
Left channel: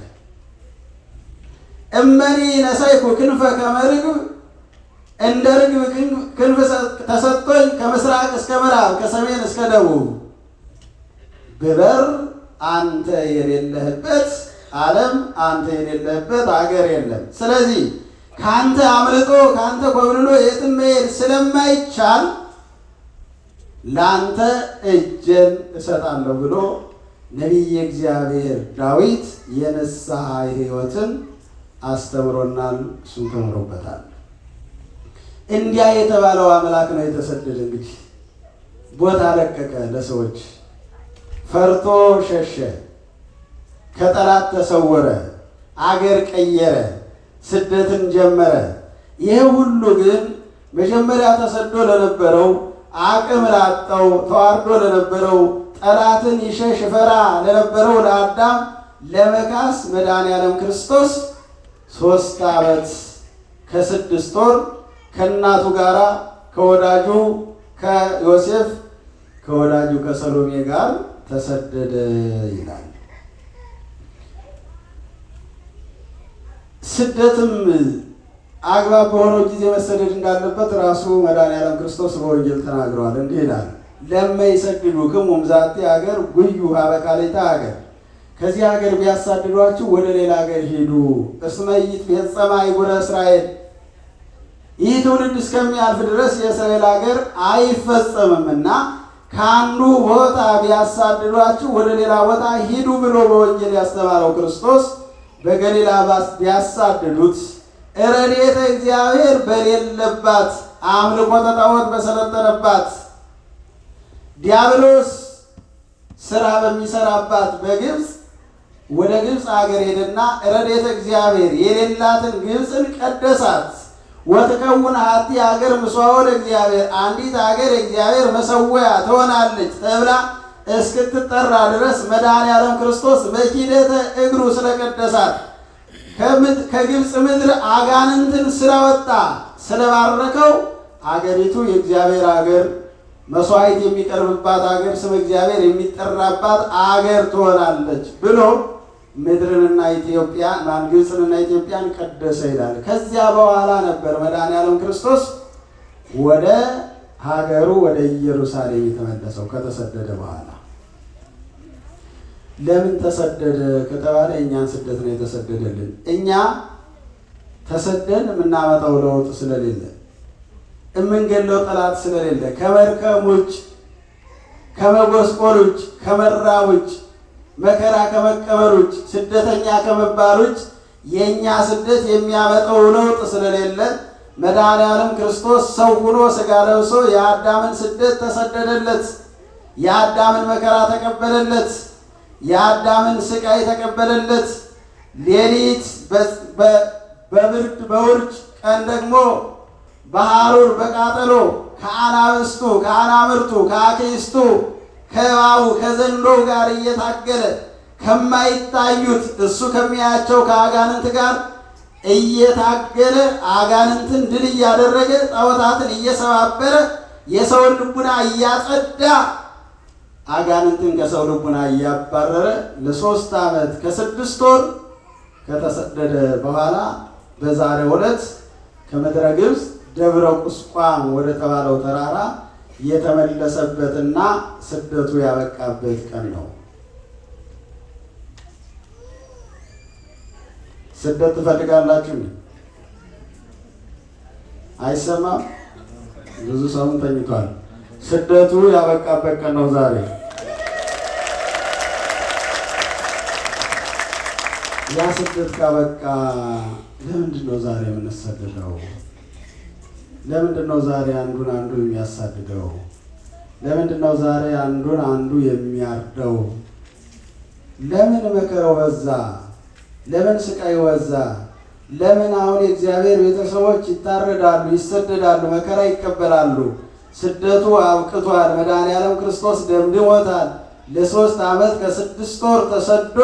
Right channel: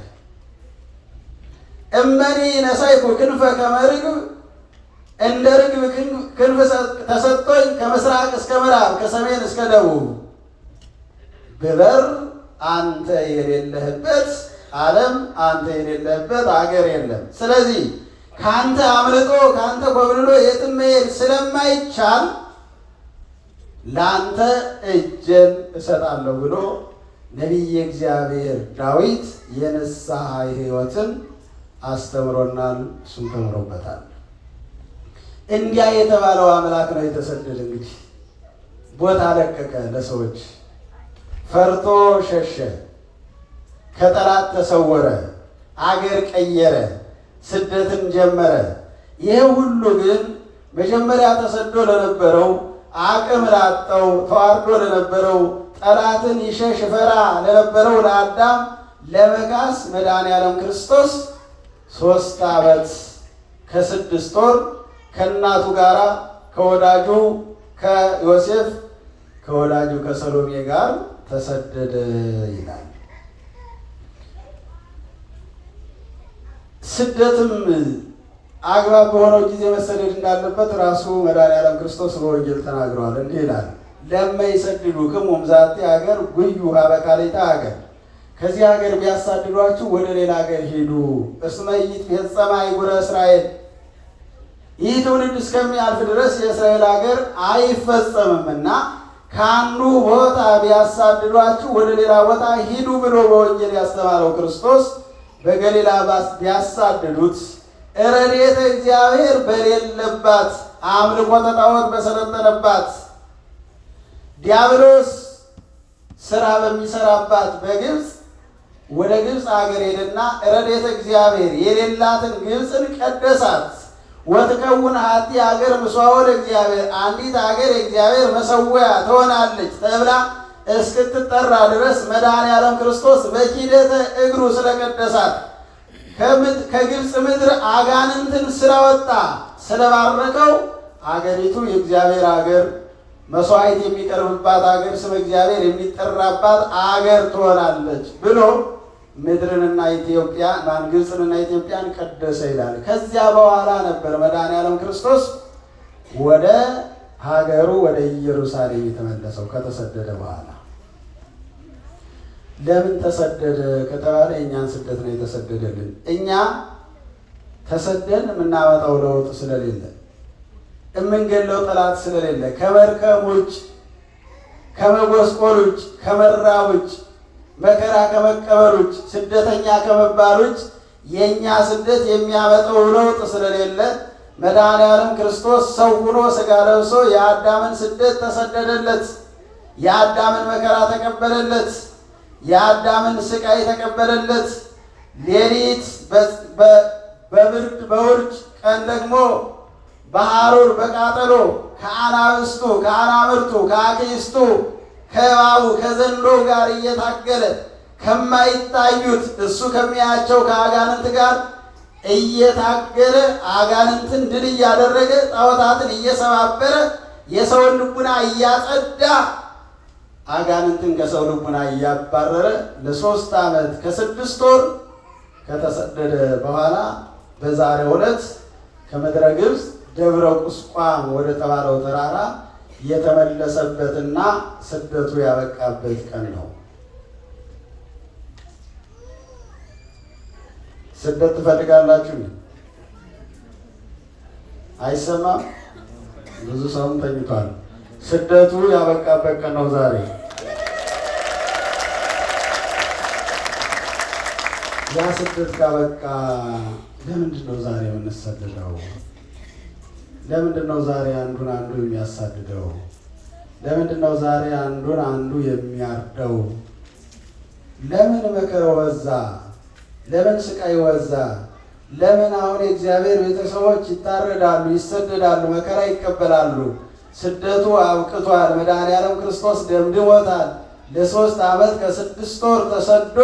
እመኒ ነሳይኩ ክንፈ ከመ ርግብ እንደ ርግብ ክንፍ ተሰጥቶኝ ከምስራቅ እስከ ምዕራብ ከሰሜን እስከ ደቡብ ብበር አንተ የሌለህበት ዓለም አንተ የሌለህበት አገር የለም። ስለዚህ ከአንተ አምልጦ ከአንተ ኮብልሎ የትም መሄድ ስለማይቻል ለአንተ እጄን እሰጣለሁ ብሎ ነቢየ እግዚአብሔር ዳዊት የንስሐ ሕይወትን አስተምሮናል። እሱን ተምሮበታል። እንዲያ የተባለው አምላክ ነው የተሰደደ። እንግዲህ ቦታ ለቀቀ ለሰዎች፣ ፈርቶ ሸሸ፣ ከጠላት ተሰወረ፣ አገር ቀየረ፣ ስደትን ጀመረ። ይህ ሁሉ ግን መጀመሪያ ተሰዶ ለነበረው አቅም ላጣው ተዋርዶ ለነበረው ጠላትን ይሸሽ ፈራ ለነበረው ለአዳም ለመካስ መድኃኔዓለም ክርስቶስ 3 ዓመት ከ6 ወር ከእናቱ ጋር ከወዳጁ ከዮሴፍ ከወዳጁ ከሰሎሜ ጋር ተሰደደ ይላል። ስደትም አግባብ በሆነው ጊዜ መሰደድ እንዳለበት ራሱ መድኃኔዓለም ክርስቶስ በወንጌል ተናግረዋል። እንዲህ ይላል፣ ለመ ይሰድዱክሙ እምዛቲ ሀገር ጉዩ ሀበ ካልእተ ሀገር፣ ከዚህ ሀገር ቢያሳድዷችሁ ወደ ሌላ ሀገር ሂዱ። እስመ ኢይትፌጸማ አህጉረ እስራኤል፣ ይህ ትውልድ እስከሚያልፍ ድረስ የእስራኤል ሀገር አይፈጸምምና ከአንዱ ቦታ ቢያሳድዷችሁ ወደ ሌላ ቦታ ሂዱ ብሎ በወንጌል ያስተማረው ክርስቶስ በገሊላ ቢያሳድዱት ረድኤተ እግዚአብሔር በሌለባት አምልኮተ ጣዖት በሰለጠነባት ዲያብሎስ ስራ በሚሰራባት በግብፅ ወደ ግብፅ ሀገር ሄደና ረድኤተ እግዚአብሔር የሌላትን ግብፅን ቀደሳት። ወትከውን ሀቲ ሀገር ምስዋዕ ለእግዚአብሔር፣ አንዲት ሀገር የእግዚአብሔር መሰዊያ ትሆናለች ተብላ እስክትጠራ ድረስ መድኃኔዓለም ክርስቶስ በኪደተ እግሩ ስለቀደሳት ከግብፅ ምድር አጋንንትን ስለወጣ ስለባረከው አገሪቱ የእግዚአብሔር አገር፣ መስዋዕት የሚቀርብባት አገር፣ ስም እግዚአብሔር የሚጠራባት አገር ትሆናለች ብሎ ምድርንና ኢትዮጵያ ግብፅንና ኢትዮጵያን ቀደሰ ይላል። ከዚያ በኋላ ነበር መድኃኔዓለም ክርስቶስ ወደ ሀገሩ ወደ ኢየሩሳሌም የተመለሰው ከተሰደደ በኋላ። ለምን ተሰደደ ከተባለ እኛን ስደት ነው የተሰደደልን። እኛ ተሰደን የምናመጣው ለውጥ ስለሌለ፣ የምንገለው ጠላት ስለሌለ፣ ከመርከብ ውጭ፣ ከመጎስቆል ውጭ፣ ከመራብ ውጭ፣ መከራ ከመቀበል ውጭ፣ ስደተኛ ከመባል ውጭ የእኛ ስደት የሚያመጣው ለውጥ ስለሌለ መድኃኔዓለም ክርስቶስ ሰው ሆኖ ሥጋ ለብሶ የአዳምን ስደት ተሰደደለት። የአዳምን መከራ ተቀበለለት። የአዳምን ስቃይ ተቀበለለት። ሌሊት በብርድ በውርጭ፣ ቀን ደግሞ በሐሩር በቃጠሎ ከአናብስቱ ከአናምርቱ ከአክይስቱ ከእባቡ ከዘንዶ ጋር እየታገለ ከማይታዩት እሱ ከሚያያቸው ከአጋንንት ጋር እየታገለ አጋንንትን ድል እያደረገ ጣዖታትን እየሰባበረ የሰውን ልቡና እያጸዳ አጋንንትን ከሰው ልቡና እያባረረ ለ3 ዓመት ከ6 ወር ከተሰደደ በኋላ በዛሬው ዕለት ከምድረ ግብፅ ደብረ ቁስቋም ወደ ተባለው ተራራ የተመለሰበትና ስደቱ ያበቃበት ቀን ነው። ስደት ትፈልጋላችሁ? አይሰማም? ብዙ ሰው ተኝቷል። ስደቱ ያበቃበት ቀን ነው ዛሬ። ያ ስደት ካበቃ ለምንድን ነው ዛሬ የምንሰደደው? ለምንድን ነው ዛሬ አንዱን አንዱ የሚያሳድደው? ለምንድን ነው ዛሬ አንዱን አንዱ የሚያርደው? ለምን መከራው በዛ? ለምን ስቃይ በዛ? ለምን አሁን የእግዚአብሔር ቤተሰቦች ይታረዳሉ፣ ይሰደዳሉ፣ መከራ ይቀበላሉ? ስደቱ አብቅቷል። መድኃኔዓለም ክርስቶስ ደምድሞታል። ለ3 ዓመት ከ6 ወር ተሰዶ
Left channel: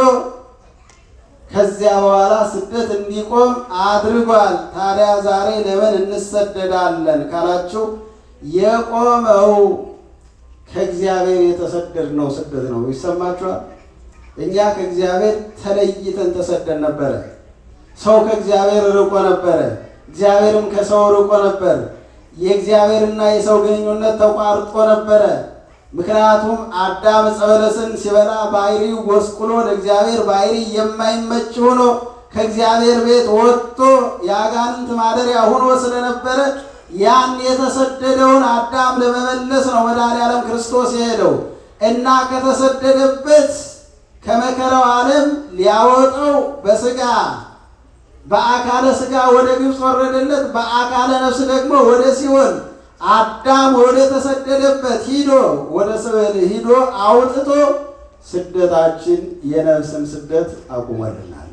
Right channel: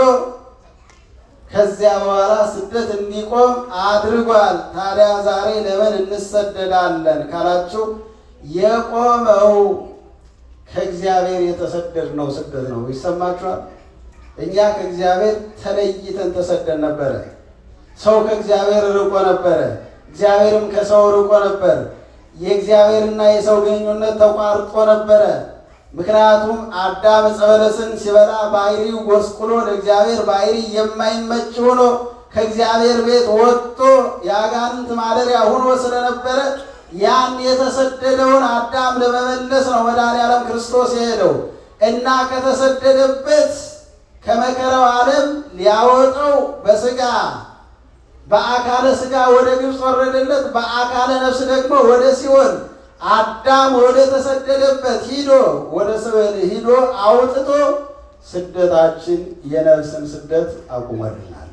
ከዚያ በኋላ ስደት እንዲቆም አድርጓል። ታዲያ ዛሬ ለምን እንሰደዳለን ካላችሁ የቆመው ከእግዚአብሔር የተሰደድነው ስደት ነው። ይሰማችኋል? እኛ ከእግዚአብሔር ተለይተን ተሰደን ነበረ። ሰው ከእግዚአብሔር ርቆ ነበረ፣ እግዚአብሔርም ከሰው ርቆ ነበር። የእግዚአብሔርና የሰው ግንኙነት ተቋርጦ ነበረ። ምክንያቱም አዳም ዕፀ በለስን ሲበላ ባሕርዩ ጎስቁሎ ለእግዚአብሔር ባሕርይ የማይመች ሆኖ ከእግዚአብሔር ቤት ወጥቶ የአጋንንት ማደሪያ ሆኖ ስለነበረ ያን የተሰደደውን አዳም ለመመለስ ነው መድኃኔዓለም ክርስቶስ የሄደው እና ከተሰደደበት ከመከራው ዓለም ሊያወጣው በሥጋ በአካለ ሥጋ ወደ ግብፅ ወረደለት። በአካለ ነፍስ ደግሞ ወደ ሲኦል አዳም ወደ ተሰደደበት ወደ ሲኦል ሂዶ አውጥቶ ስደታችን የነፍስን ስደት አቁሞልናል።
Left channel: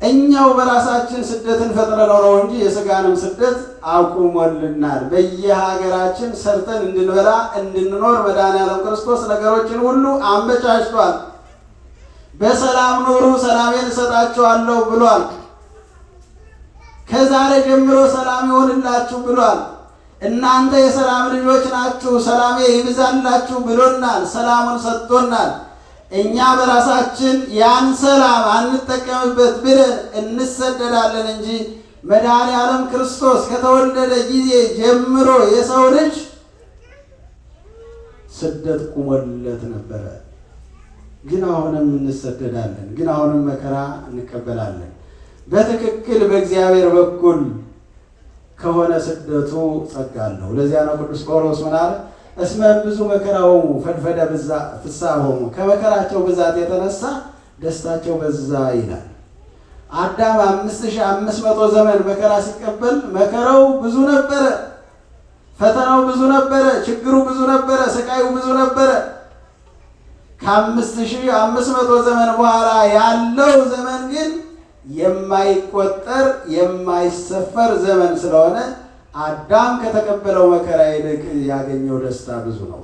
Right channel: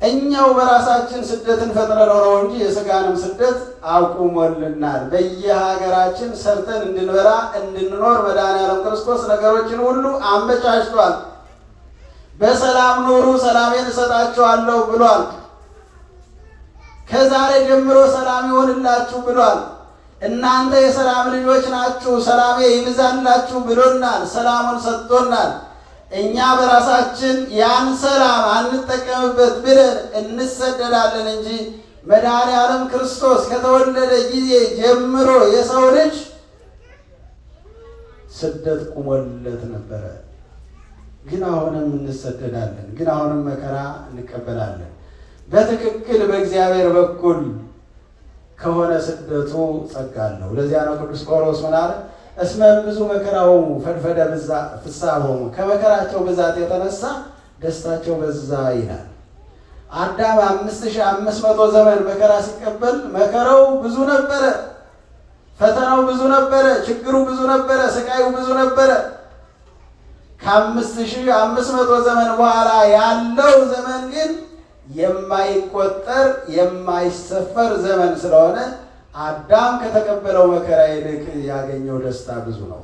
እኛው በራሳችን ስደትን ፈጥረነው ነው እንጂ የሥጋንም ስደት አቁሞልናል። በየሀገራችን ሰርተን እንድንበላ እንድንኖር መድኃኔዓለም ክርስቶስ ነገሮችን ሁሉ አመቻችቷል። በሰላም ኑሩ፣ ሰላሜን እሰጣችኋለሁ ብሏል። ከዛሬ ጀምሮ ሰላም ይሆንላችሁ ብሏል። እናንተ የሰላም ልጆች ናችሁ፣ ሰላሜ ይብዛላችሁ ብሎናል። ሰላሙን ሰጥቶናል። እኛ በራሳችን ያን ሰላም አንጠቀምበት ብለን እንሰደዳለን እንጂ መድኃኔዓለም ክርስቶስ ከተወለደ ጊዜ ጀምሮ የሰው ልጅ ስደት ቁሞለት ነበረ። ግን አሁንም እንሰደዳለን፣ ግን አሁንም መከራ እንቀበላለን። በትክክል በእግዚአብሔር በኩል ከሆነ ስደቱ ጸጋ አለው። ለዚያ ነው ቅዱስ ጳውሎስ ምን አለ? እስመ ብዙ መከራሆሙ ፈድፈደ ፍስሐሆሙ፣ ከመከራቸው ብዛት የተነሳ ደስታቸው በዛ ይላል። አዳም 5500 ዘመን መከራ ሲቀበል መከራው ብዙ ነበረ፣ ፈተናው ብዙ ነበረ፣ ችግሩ ብዙ ነበረ፣ ስቃዩ ብዙ ነበረ። ከ5500 ዘመን በኋላ ያለው ዘመን ግን የማይቆጠር የማይሰፈር ዘመን ስለሆነ አዳም ከተቀበለው መከራ ይልቅ ያገኘው ደስታ ብዙ ነው።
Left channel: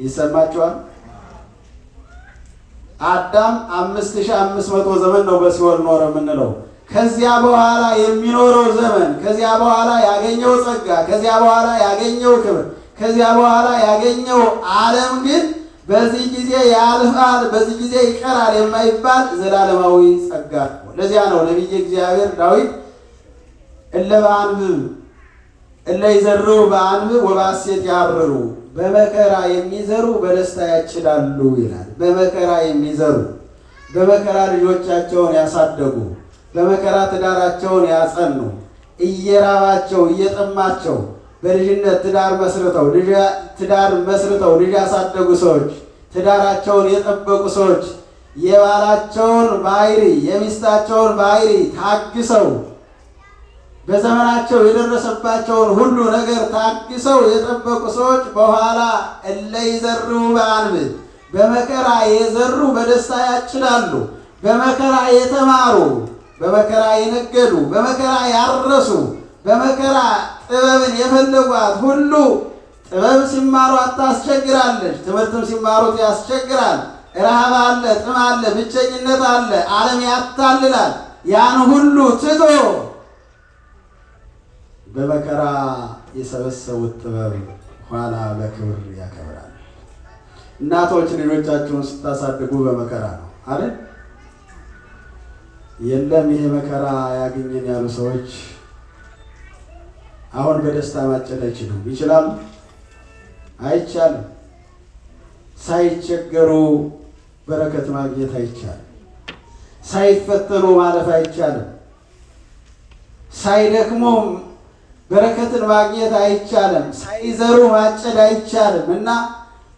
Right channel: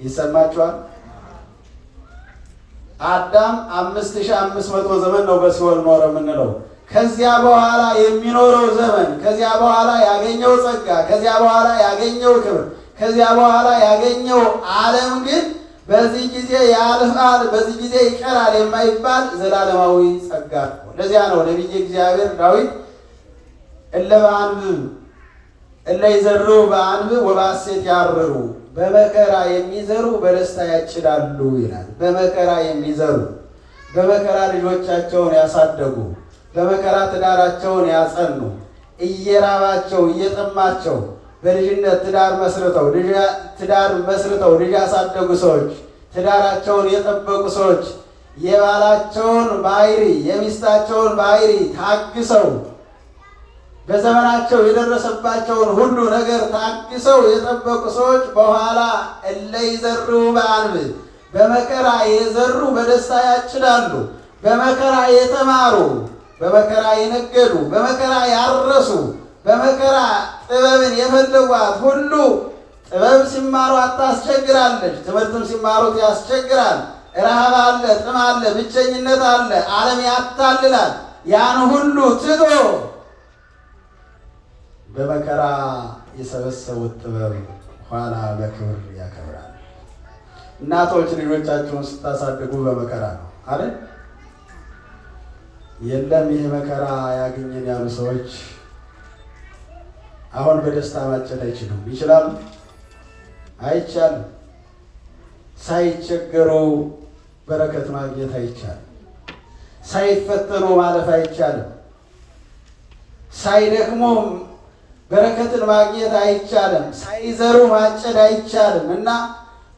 ይሰማችኋል? አዳም 5500 ዘመን ነው በሲኦል ኖረ የምንለው። ከዚያ በኋላ የሚኖረው ዘመን፣ ከዚያ በኋላ ያገኘው ጸጋ፣ ከዚያ በኋላ ያገኘው ክብር፣ ከዚያ በኋላ ያገኘው ዓለም ግን በዚህ ጊዜ ያልፋል፣ በዚህ ጊዜ ይቀራል የማይባል ዘላለማዊ ጸጋ ነው። ለዚያ ነው ነቢየ እግዚአብሔር ዳዊት እለ በአንብብ እለ ይዘርኡ በአንብብ ወበሐሴት ያርሩ፣ በመከራ የሚዘሩ በደስታ ያጭዳሉ ይላል። በመከራ የሚዘሩ በመከራ ልጆቻቸውን ያሳደጉ፣ በመከራ ትዳራቸውን ያጸኑ፣ እየራባቸው እየጠማቸው በልጅነት ትዳር መስርተው ልጅ ያሳደጉ ሰዎች፣ ትዳራቸውን የጠበቁ ሰዎች የባላቸውን ባህሪ የሚስታቸውን ባህሪ ታግሰው በዘመናቸው የደረሰባቸውን ሁሉ ነገር ታግሰው የጠበቁ ሰዎች በኋላ እለ ይዘርኡ በአንብብ በመከራ የዘሩ በደስታ ያጭዳሉ። በመከራ የተማሩ፣ በመከራ የነገዱ፣ በመከራ ያረሱ፣ በመከራ ጥበብን የፈለጓት ሁሉ ጥበብ ሲማሯት ታስቸግራለች፣ ትምህርትም ሲማሩት ያስቸግራል። ረሃብ አለ፣ ጥም አለ፣ ብቸኝነት አለ፣ ዓለም ያታልላል። ያን ሁሉ ትቶ በመከራ የሰበሰቡት ጥበብ ኋላ በክብር ያከብራል። እናቶች ልጆቻችሁን ስታሳድጉ በመከራ ነው አይደል? የለም ይሄ መከራ ያገኘን ያሉ ሰዎች አሁን በደስታ ማጨድ አይችሉም። ይችላሉ? አይቻልም። ሳይቸገሩ በረከት ማግኘት አይቻልም። ሳይፈተኑ ማለፍ አይቻልም። ሳይደክሙ በረከትን ማግኘት አይቻልም። ሳይዘሩ ማጨድ አይቻልም እና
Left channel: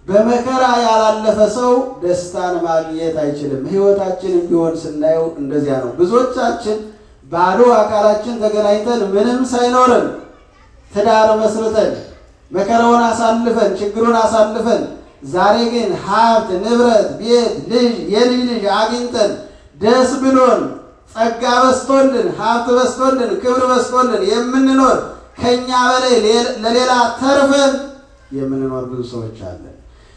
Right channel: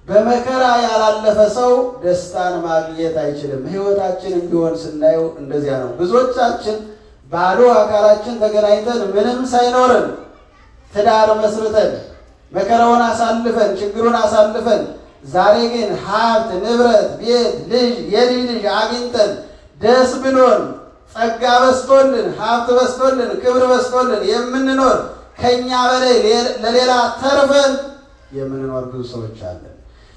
በመከራ ያላለፈ ሰው ደስታን ማግኘት አይችልም። ሕይወታችንም ቢሆን ስናየው እንደዚያ ነው። ብዙዎቻችን ባዶ አካላችን ተገናኝተን ምንም ሳይኖርን ትዳር መስርተን መከራውን አሳልፈን ችግሩን አሳልፈን ዛሬ ግን ሀብት፣ ንብረት፣ ቤት፣ ልጅ፣ የልጅ ልጅ አግኝተን ደስ ብሎን ጸጋ በስቶልን ሀብት በስቶልን ክብር በስቶልን የምንኖር ከኛ በላይ ለሌላ ተርፈን የምንኖር ብዙ ሰዎች አለን።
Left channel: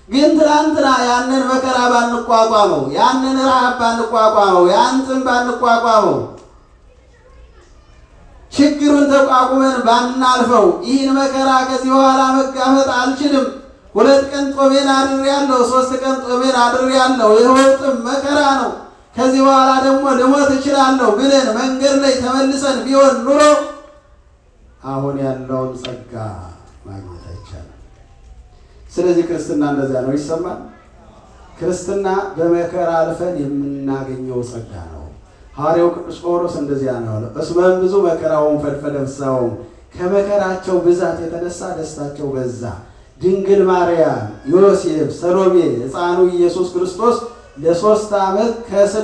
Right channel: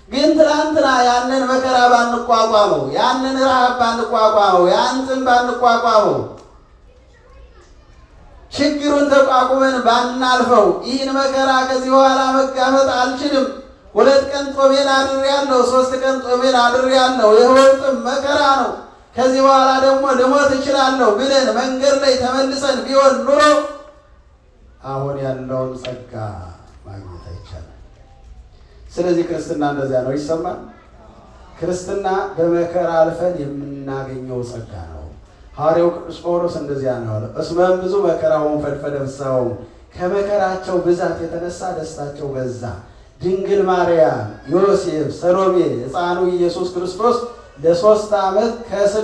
ግን ትናንትና ያንን መከራ ባንቋቋመው፣ ያንን ረሃብ ባንቋቋመው፣ ያንተን ባንቋቋመው፣ ችግሩን ተቋቁመን ባናልፈው ይህን መከራ ከዚህ በኋላ መጋፈጥ አልችልም፣ 2 ቀን ጾሜን አድሬያለሁ፣ 3 ቀን ጾሜን አድሬያለሁ፣ የህይወትም መከራ ነው፣ ከዚህ በኋላ ደግሞ ልሞት እችላለሁ ብለን መንገድ ላይ ተመልሰን ቢሆን ኑሮ አሁን ያለውን ጸጋ ማግኘት አይቻልም። ስለዚህ ክርስትና እንደዚያ ነው። ይሰማል። ክርስትና በመከራ አልፈን የምናገኘው ጸጋ ነው። ሐዋርያው ቅዱስ ጳውሎስ እንደዚያ ነው ያለው። እስመ ብዙ መከራውን ፈድፈደ ፍስሐሆሙ፣ ከመከራቸው ብዛት የተነሳ ደስታቸው በዛ። ድንግል ማርያም፣ ዮሴፍ፣ ሰሎሜ ሕፃኑ ኢየሱስ ክርስቶስ ለ3 ዓመት ከ6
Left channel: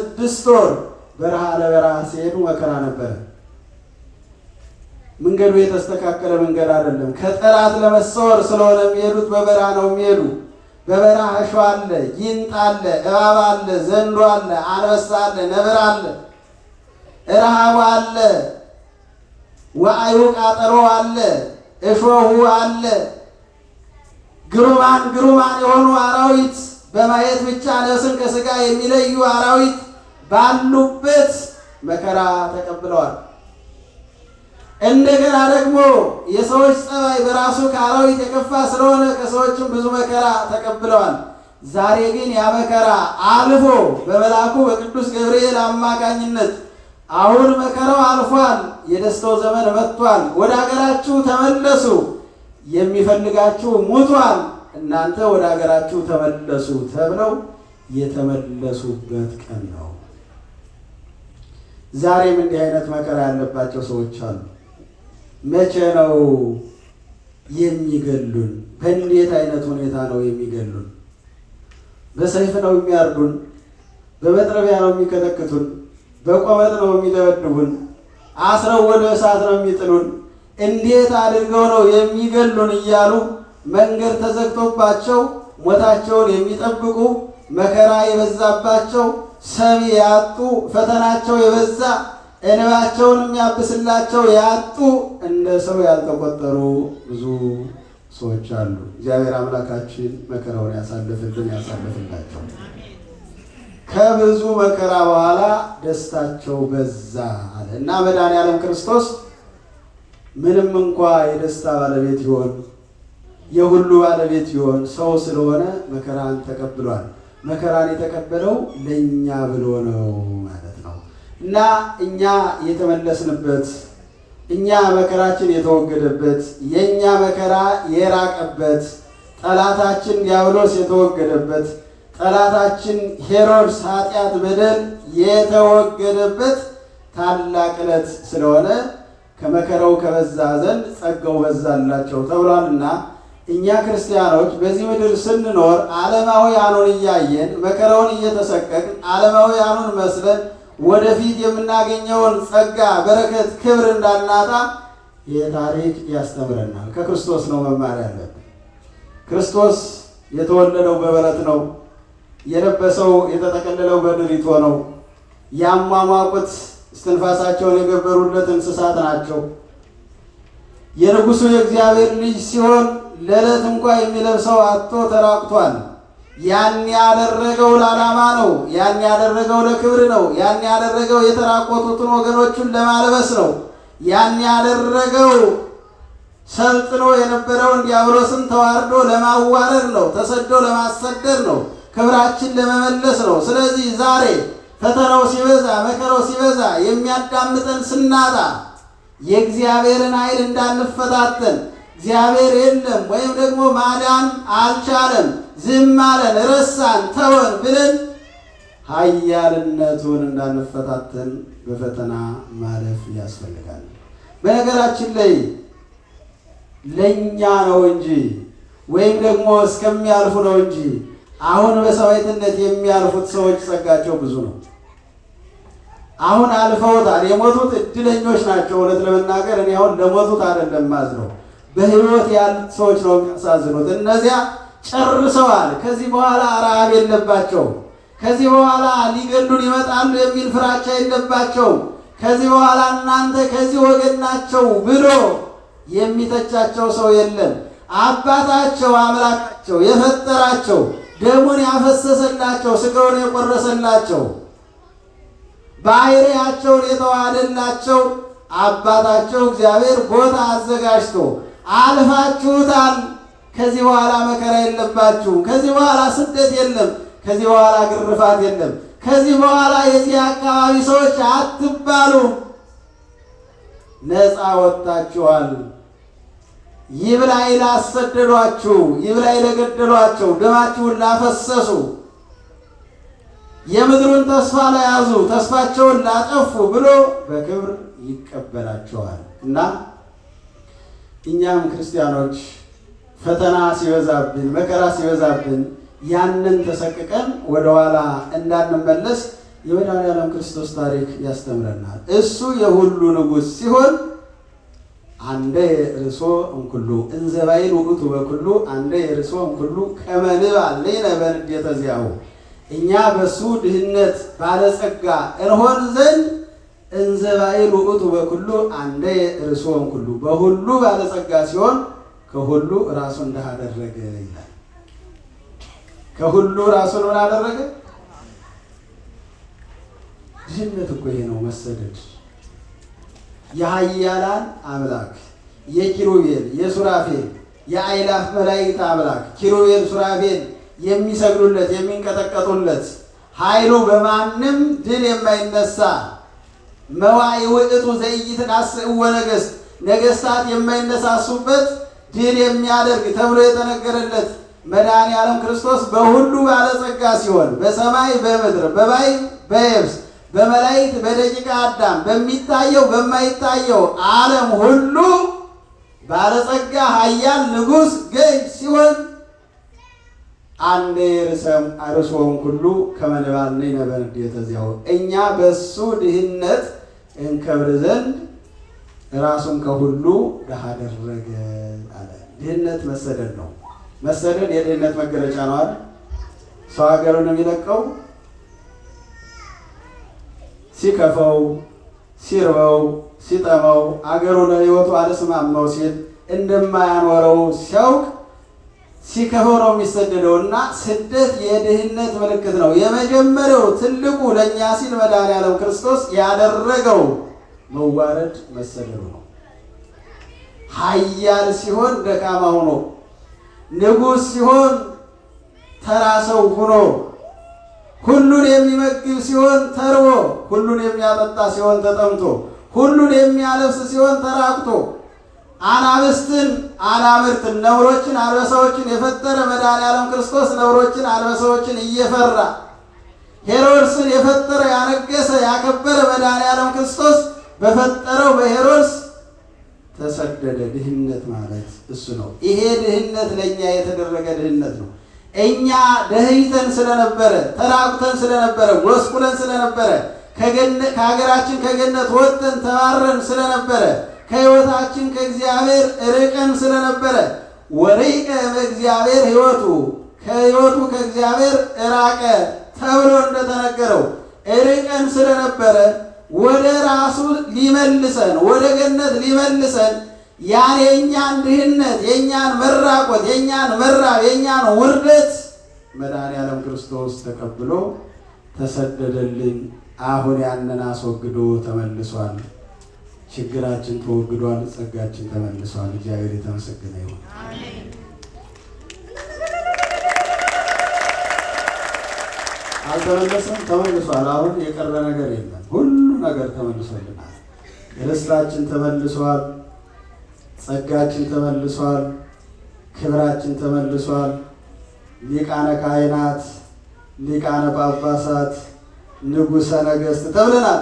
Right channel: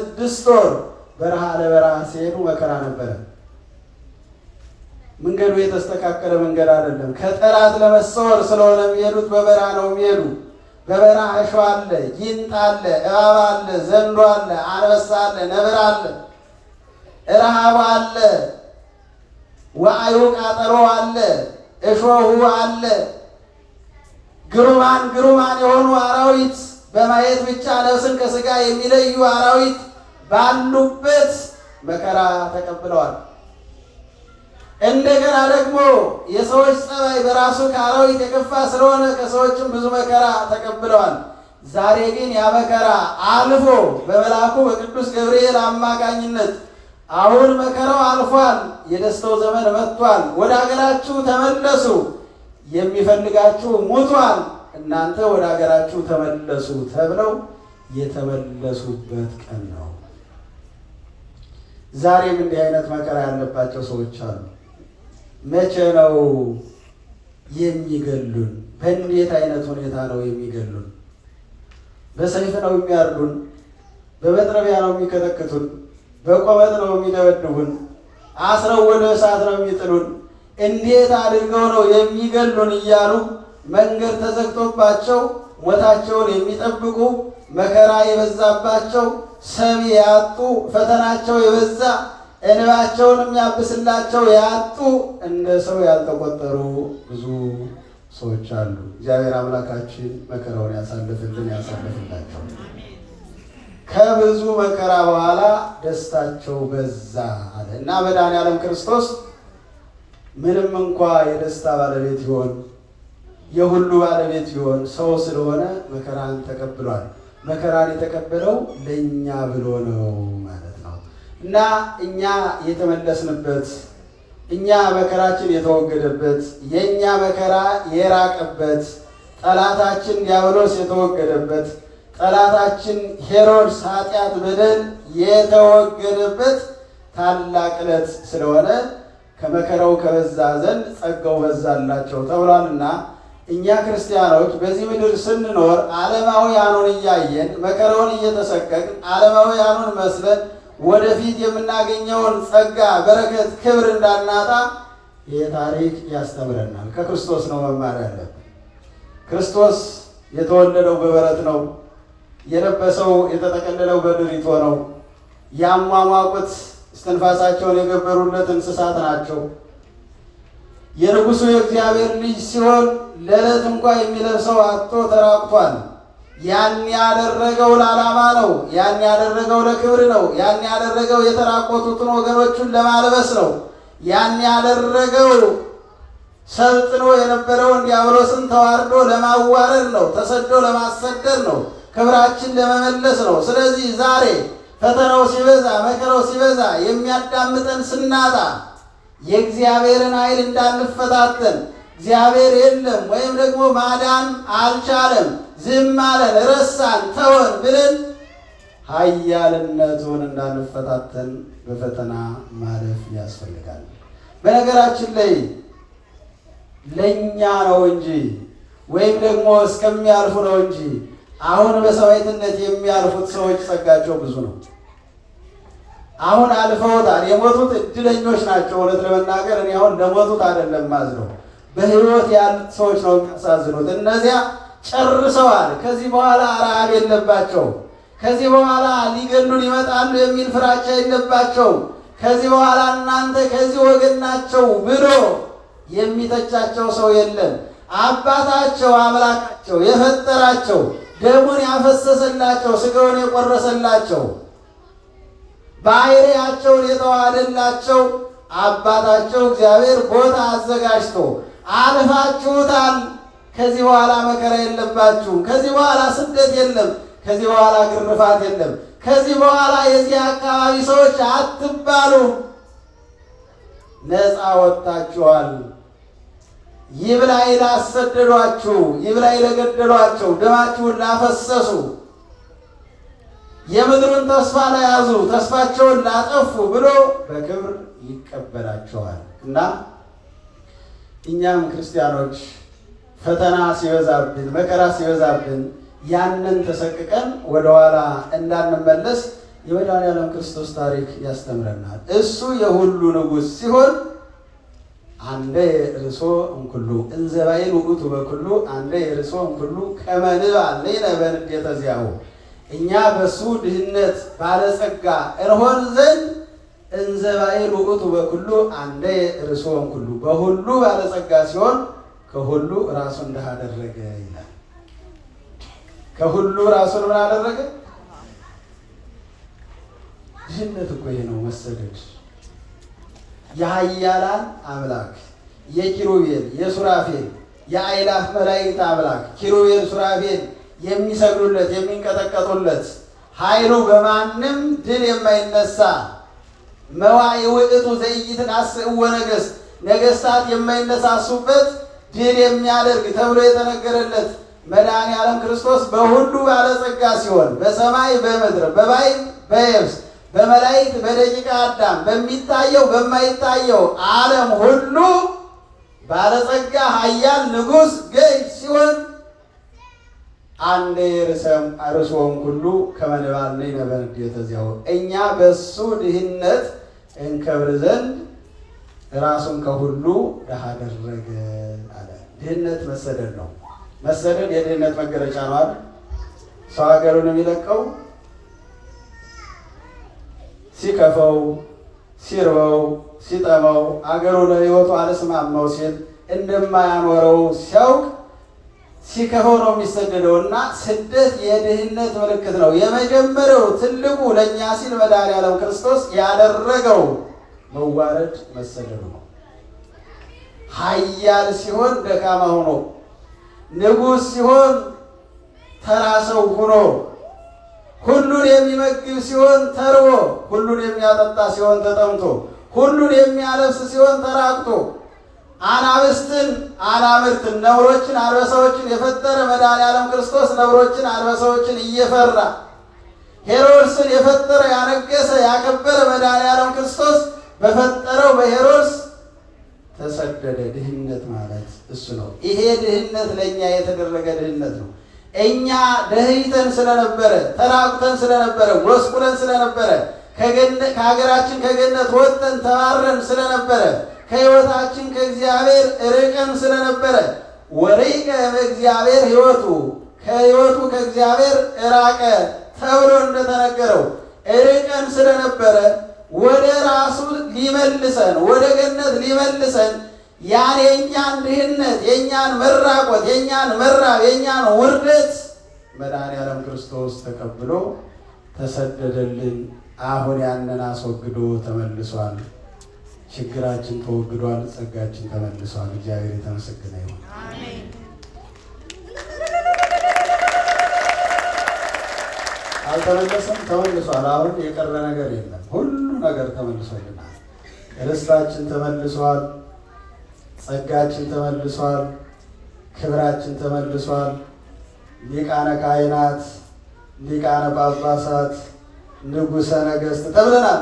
ወር በረሃ ለበረሃ ሲሄዱ መከራ ነበረ። መንገዱ የተስተካከለ መንገድ አይደለም። ከጠላት ለመሰወር ስለሆነ የሚሄዱት በበረሃ ነው የሚሄዱ። በበረሃ እሾህ አለ፣ ጊንጥ አለ፣ እባብ አለ፣ ዘንዶ አለ፣ አንበሳ አለ፣ ነብር አለ፣ ረሃብ አለ፣ ወአዩ ቃጠሎ አለ፣ እሾሁ አለ። ግሩማን የሆኑ አራዊት በማየት ብቻ ነፍስን ከስጋ የሚለዩ አራዊት ባሉበት መከራ ተቀብለዋል። እንደገና ደግሞ የሰዎች ጸባይ በራሱ ከአራዊት የከፋ ስለሆነ ከሰዎችም ብዙ መከራ ተቀብለዋል። ዛሬ ግን ያ መከራ አልፎ በመልአኩ በቅዱስ ገብርኤል አማካኝነት አሁን መከራው አልፏል፣ የደስታው ዘመን መጥቷል፣ ወደ ሀገራችሁ ተመለሱ፣ የሚፈልጋችሁ ሙቷል፣ እናንተ ወደ ሀገራችሁ ተመለሱ ተብለው የተመለሱበት ቀን ነው። ዛሬም እንዲህ አይነት መከራ ያለባቸው ሰዎች አሉ። መቼ ነው የሚገሉን? በእንዴት አይነት ሁኔታ ነው የሚገሉን? በሰይፍ ነው የሚያርዱን? በመጥረቢያ ነው የሚከተክቱን? በቆመጥ ነው የሚደበድቡን? አስረው ወደ እሳት ነው የሚጥሉን? እንዴት አድርገው ነው የሚገሉን እያሉ መንገድ ተዘግቶባቸው ሞታቸውን የሚጠብቁ መከራ የበዛባቸው ሰሚ ያጡ ፈተናቸው የበዛ እንባቸውን የሚያብስላቸው ያጡ እንደ ሰው ያልተቆጠሩ ብዙ ሰዎች አሉ። እግዚአብሔር አምላካችን መከራውን ያሳልፍልን ያሳልፍላቸው። ከብዙ መከራ በኋላ ደስታቸው በዛ አለ እና መድኃኔዓለም ክርስቶስ ምንም እንኳ የደስታ ባለቤት ይሆን የሁሉ ባለቤት ቢሆን ሰው ስለሆነ መከራን ተቀብሏል። መከራን የተቀበለው ለእኛ ብሎ ነው ማለት ነው እና እኛ የተመለስንበት እኛ መከራችን የተወገደበት የእኛ መከራ የራቀበት ጠላታችን ዲያብሎስ የተወገደበት ጠላታችን ሄሮድስ ኃጢአት በደል የተወገደበት ታላቅ ዕለት ስለሆነ ከመከራው ከበዛ ዘንድ ጸጋው በዛላቸው ተብሏልና እኛ ክርስቲያኖች በዚህ ምድር ስንኖር ዓለማውያኑን እያየን መከራውን እየተሰቀቅን ዓለማውያኑን መስለን ወደፊት የምናገኘውን ጸጋ፣ በረከት፣ ክብር እንዳናጣ ይህ ታሪክ ያስተምረናል። ከክርስቶስ ነው መማር ያለብን። ክርስቶስ የተወለደው በበረት ነው። የለበሰው የተጠቀለለው በድሪቶ ነው። ያሟሟቁት እስትንፋሳቸውን የገበሩለት እንስሳት ናቸው። የንጉሡ የእግዚአብሔር ልጅ ሲሆን ለዕለት እንኳ የሚለብሰው አጥቶ ተራቁቷል። ያን ያደረገው ለዓላማ ነው። ያን ያደረገው ለክብር ነው። ያን ያደረገው የተራቆቱትን ወገኖቹን ለማልበስ ነው። ያን ያደረገው ሰልጥኖ የነበረውን ዲያብሎስን ተዋርዶ ለማዋረድ ነው። ተሰዶ ለማሰደድ ነው። ክብራችን ለመመለስ ነው። ስለዚህ ዛሬ ፈተናው ሲበዛ መከራው ሲበዛ የሚያዳምጠን ስናጣ የእግዚአብሔርን ኃይል እንዳንፈታተን እግዚአብሔር የለም ወይም ደግሞ ማዳን አልቻለም፣ ዝም አለን፣ ረሳን፣ ተወን ብለን ኃያልነቱን እንዳንፈታተን በፈተና ማለፍ ያስፈልጋል። በነገራችን ላይ ለእኛ ነው እንጂ ወይም ደግሞ እስከሚያልፉ ነው እንጂ አሁን በሰማዕትነት የሚያልፉት ሰዎች ጸጋቸው ብዙ ነው። አሁን አልፈውታል። የሞቱት እድለኞች ናቸው። እውነት ለመናገር እኔ አሁን ለሞቱት አይደለም ማዝነው፣ በሕይወት ያሉት ሰዎች ነው የሚያሳዝኑት። እነዚያ ጨርሰዋል። ከዚህ በኋላ ረሃብ የለባቸው። ከዚህ በኋላ ሊገሉን ይመጣሉ የሚል ፍራቻ የለባቸው። ከዚህ በኋላ እናንተ ከዚህ ወገን ናቸው ብሎ የሚተቻቸው ሰው የለም። አባታቸው አምላካቸው የፈጠራቸው ደሙን ያፈሰሰላቸው ሥጋውን የቆረሰላቸው ባሕርያቸውን የተዋሃደላቸው አባታቸው እግዚአብሔር ቦታ አዘጋጅቶ አልፋችሁታል። ከዚህ በኋላ መከራ የለባችሁ። ከዚህ በኋላ ስደት የለም። ከዚህ በኋላ ግርፋት የለም። ከዚህ በኋላ የዚህ አካባቢ ሰዎች አትባሉ፣ ነፃ ወጥታችኋል። ይብላኝ ላሰደዷችሁ፣ ይብላኝ ለገደሏቸው፣ ደማችሁን ላፈሰሱ፣ የምድሩን ተስፋ ለያዙ፣ ተስፋቸውን ላጠፉ ብሎ በክብር ይቀበላቸዋል እና እኛም ክርስቲያኖች ፈተና ሲበዛብን መከራ ሲበዛብን ያንን ተሰቅቀን ወደኋላ እንዳንመለስ የመድኃኔዓለም ክርስቶስ ታሪክ ያስተምረናል። እሱ የሁሉ ንጉሥ ሲሆን አንደ የርሶ እንኩሉ እንዘባይን ውእቱ በኩሉ አንደ የርሶ እንኩሉ ከመ ንባብ ሌነ በንዴተ ዚአሁ እኛ በሱ ድህነት ባለጸጋ እንሆን ዘንድ እንዘባይን ውእቱ በኩሉ አንደ የርሶ እንኩሉ በሁሉ ባለጸጋ ሲሆን ከሁሉ ራሱን ድሃ አደረገ ይላል። ከሁሉ ራሱን ምን አደረገ? ድህነት እኮ ይሄ ነው መሰደድ። የኃያላን አምላክ የኪሩቤል የሱራፌል የአእላፍ መላእክት አምላክ ኪሩቤል ሱራፌል የሚሰግዱለት የሚንቀጠቀጡለት ኃይሉ በማንም ድል የማይነሳ መዋዕል ውእቱ ዘኢይትናስእዎ ነገሥት ነገሥታት የማይነሳሱበት ድል የሚያደርግ ተብሎ የተነገረለት መድኃኔዓለም ክርስቶስ በሁሉ ባለጸጋ ሲሆን በሰማይ በምድር በባሕር በየብስ በመላእክት በደቂቀ አዳም በሚታየው በማይታየው ዓለም ሁሉ ባለጸጋ ኃያል ንጉሥ ገዥ ሲሆን አንደ ርሶም ሁሉ ከመ ንባብ ሌነ በንዴተ ዚአሁ እኛ በሱ ድህነት እንከብር ዘንድ ራሱን ከሁሉ ድሃ አደረገ አለ። ድህነት መሰደድ ነው። መሰደድ የድህነት መገለጫ ነው አይደል? ሰው ሀገሩን የሚለቀው ሲከፈው ሲርበው ሲጠመው አገሩ ለሕይወቱ አልስማማው ሲል እንደማያኖረው ሲያውቅ ሲከፈው ነው የሚሰደደውና ስደት የድህነት ምልክት ነው። የመጀመሪያው ትልቁ ለእኛ ሲል መድኃኔዓለም ክርስቶስ ያደረገው መዋረድ መሰደዱ ነው። ኃያል ሲሆን ደካማ ሆኖ ንጉሥ ሲሆን ተራ ሰው ሆኖ፣ ሁሉን የሚመግብ ሲሆን ተርቦ፣ ሁሉን የሚያጠጣ ሲሆን ተጠምቶ፣ ሁሉን የሚያለብስ ሲሆን ተራቁቶ፣ አናብስትን አናብርትን ነብሮችን አንበሳዎችን የፈጠረ መድኃኔዓለም ክርስቶስ ነብሮችን አንበሳዎችን እየፈራ ሄሮድስን የፈጠረ ያነገሰ ያከበረ መድኃኔዓለም ክርስቶስ በፈጠረው በሄሮድስ ተሰደደ። ድህነት ማለት እሱ ነው። ይሄ ድህነት ለእኛ የተደረገ ድህነት ነው። እኛ ደህይተን ስለነበረ፣ ተራቁተን ስለነበረ፣ ጎስቁለን ስለነበረ፣ ከሀገራችን ከገነት ወጥተን ተባረን ስለነበረ፣ ከሕይወታችን ከእግዚአብሔር ርቀን ስለነበረ ወሪቀ እግዚአብሔር ሕይወቱ ከሕይወቱ ከእግዚአብሔር ራቀ ተብሎ እንደተነገረው ርቀን ስለነበረ ወደ ራሱ ሊመልሰን ወደ ገነት ሊመልሰን ያን የእኛን ድህነት የእኛን መራቆት የእኛን መራብ የእኛን ውርደት መድኃኔዓለም ክርስቶስ ተቀብሎ ተሰደደልን። አሁን ያንን አስወግዶ ተመልሷል። ችግራችን ተወግዷል። ጸጋችን ተመልሷል። እግዚአብሔር የተመሰገነ ይሁን። አልተመለሰም፣ ተመልሷል። አሁን የቀረ ነገር የለም። ሁሉ ነገር ተመልሶልናል። ርስታችን ተመልሷል። ጸጋችን ተመልሷል። ክብራችን ተመልሷል። ሊቃነ ካህናት፣ ሊቃነ ጳጳሳት፣ ንጉሠ ነገሥት ተብለናል።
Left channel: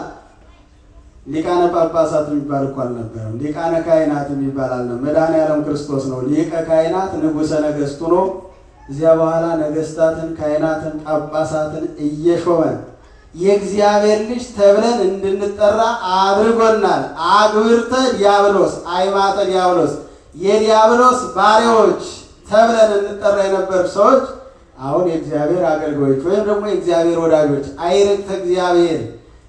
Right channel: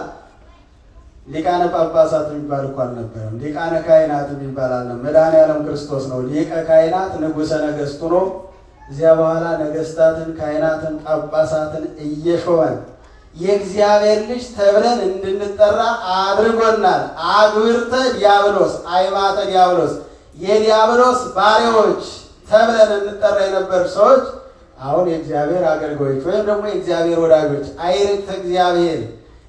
ሊቃነ ጳጳሳት የሚባል እኮ አልነበረም። ሊቃነ ካህናት የሚባል አልነበረም። መድኃኔዓለም ክርስቶስ ነው ሊቀ ካህናት ንጉሠ ነገሥቱ ነው። እዚያ በኋላ ነገሥታትን፣ ካህናትን፣ ጳጳሳትን እየሾመ የእግዚአብሔር ልጅ ተብለን እንድንጠራ አድርጎናል። አግብርተ ዲያብሎስ አይማተ ዲያብሎስ የዲያብሎስ ባሪያዎች ተብለን እንጠራ የነበር ሰዎች አሁን የእግዚአብሔር አገልጋዮች ወይም ደግሞ የእግዚአብሔር ወዳጆች አይርክተ እግዚአብሔር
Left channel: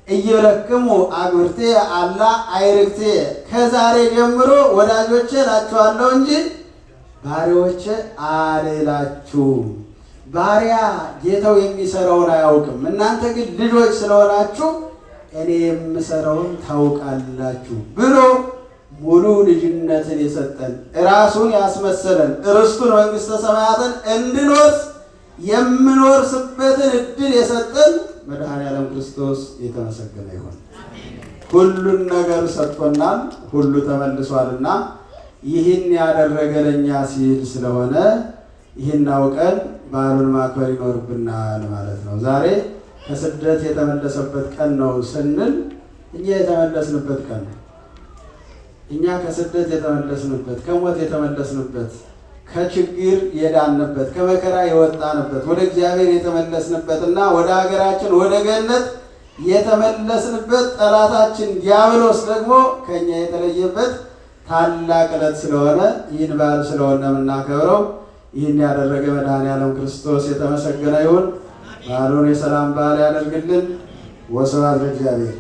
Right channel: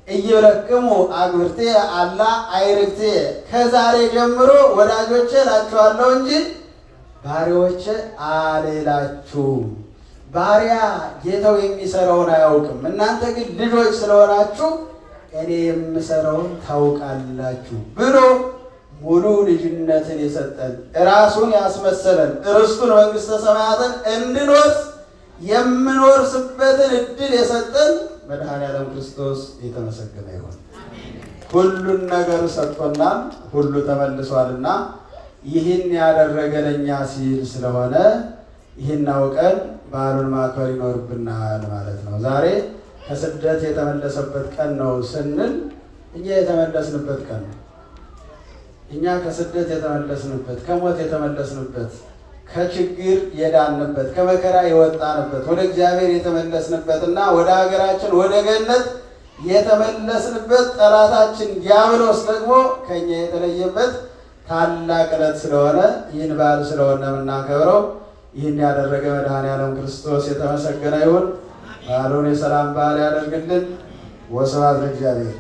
እይብለክሙ አግብርቴ አላ አይርክቴ ከዛሬ ጀምሮ ወዳጆቼ እላችኋለሁ እንጂ ባሪያዎቼ አልላችሁም። ባሪያ ጌታው የሚሰራውን አያውቅም። እናንተ ግን ልጆች ስለሆናችሁ እኔ የምሰራውን ታውቃላችሁ ብሎ ሙሉ ልጅነትን የሰጠን ራሱን ያስመሰለን ርስቱን መንግሥተ ሰማያትን እንድንወርስ የምንወርስበትን እድል የሰጠን መድኃኔዓለም ክርስቶስ የተመሰገነ ይሁን። ሁሉን ነገር ሰጥቶናል። ሁሉ ተመልሷልና ይህን ያደረገ ለእኛ ሲል ስለሆነ ይህን አውቀን በዓሉን ማክበር ይኖርብናል ማለት ነው። ዛሬ ከስደት የተመለሰበት ቀን ነው ስንል እኛ የተመለስንበት ቀን ነው። እኛ ከስደት የተመለስንበት፣ ከሞት የተመለስንበት፣ ከችግር የዳንበት፣ ከመከራ የወጣንበት፣ ወደ እግዚአብሔር የተመለስንበትና ወደ ሀገራችን ወደ ገነት የተመለስንበት፣ ጠላታችን ዲያብሎስ ደግሞ ከኛ የተለየበት ታላቅ ዕለት ስለሆነ ይህን በዓል ስለሆነ የምናከብረው ይህን ያደረገ መድኃኔዓለም ክርስቶስ የተመሰገነ ይሁን። በዓሉን የሰላም በዓል ያደርግልን። ወስብሐት ለእግዚአብሔር።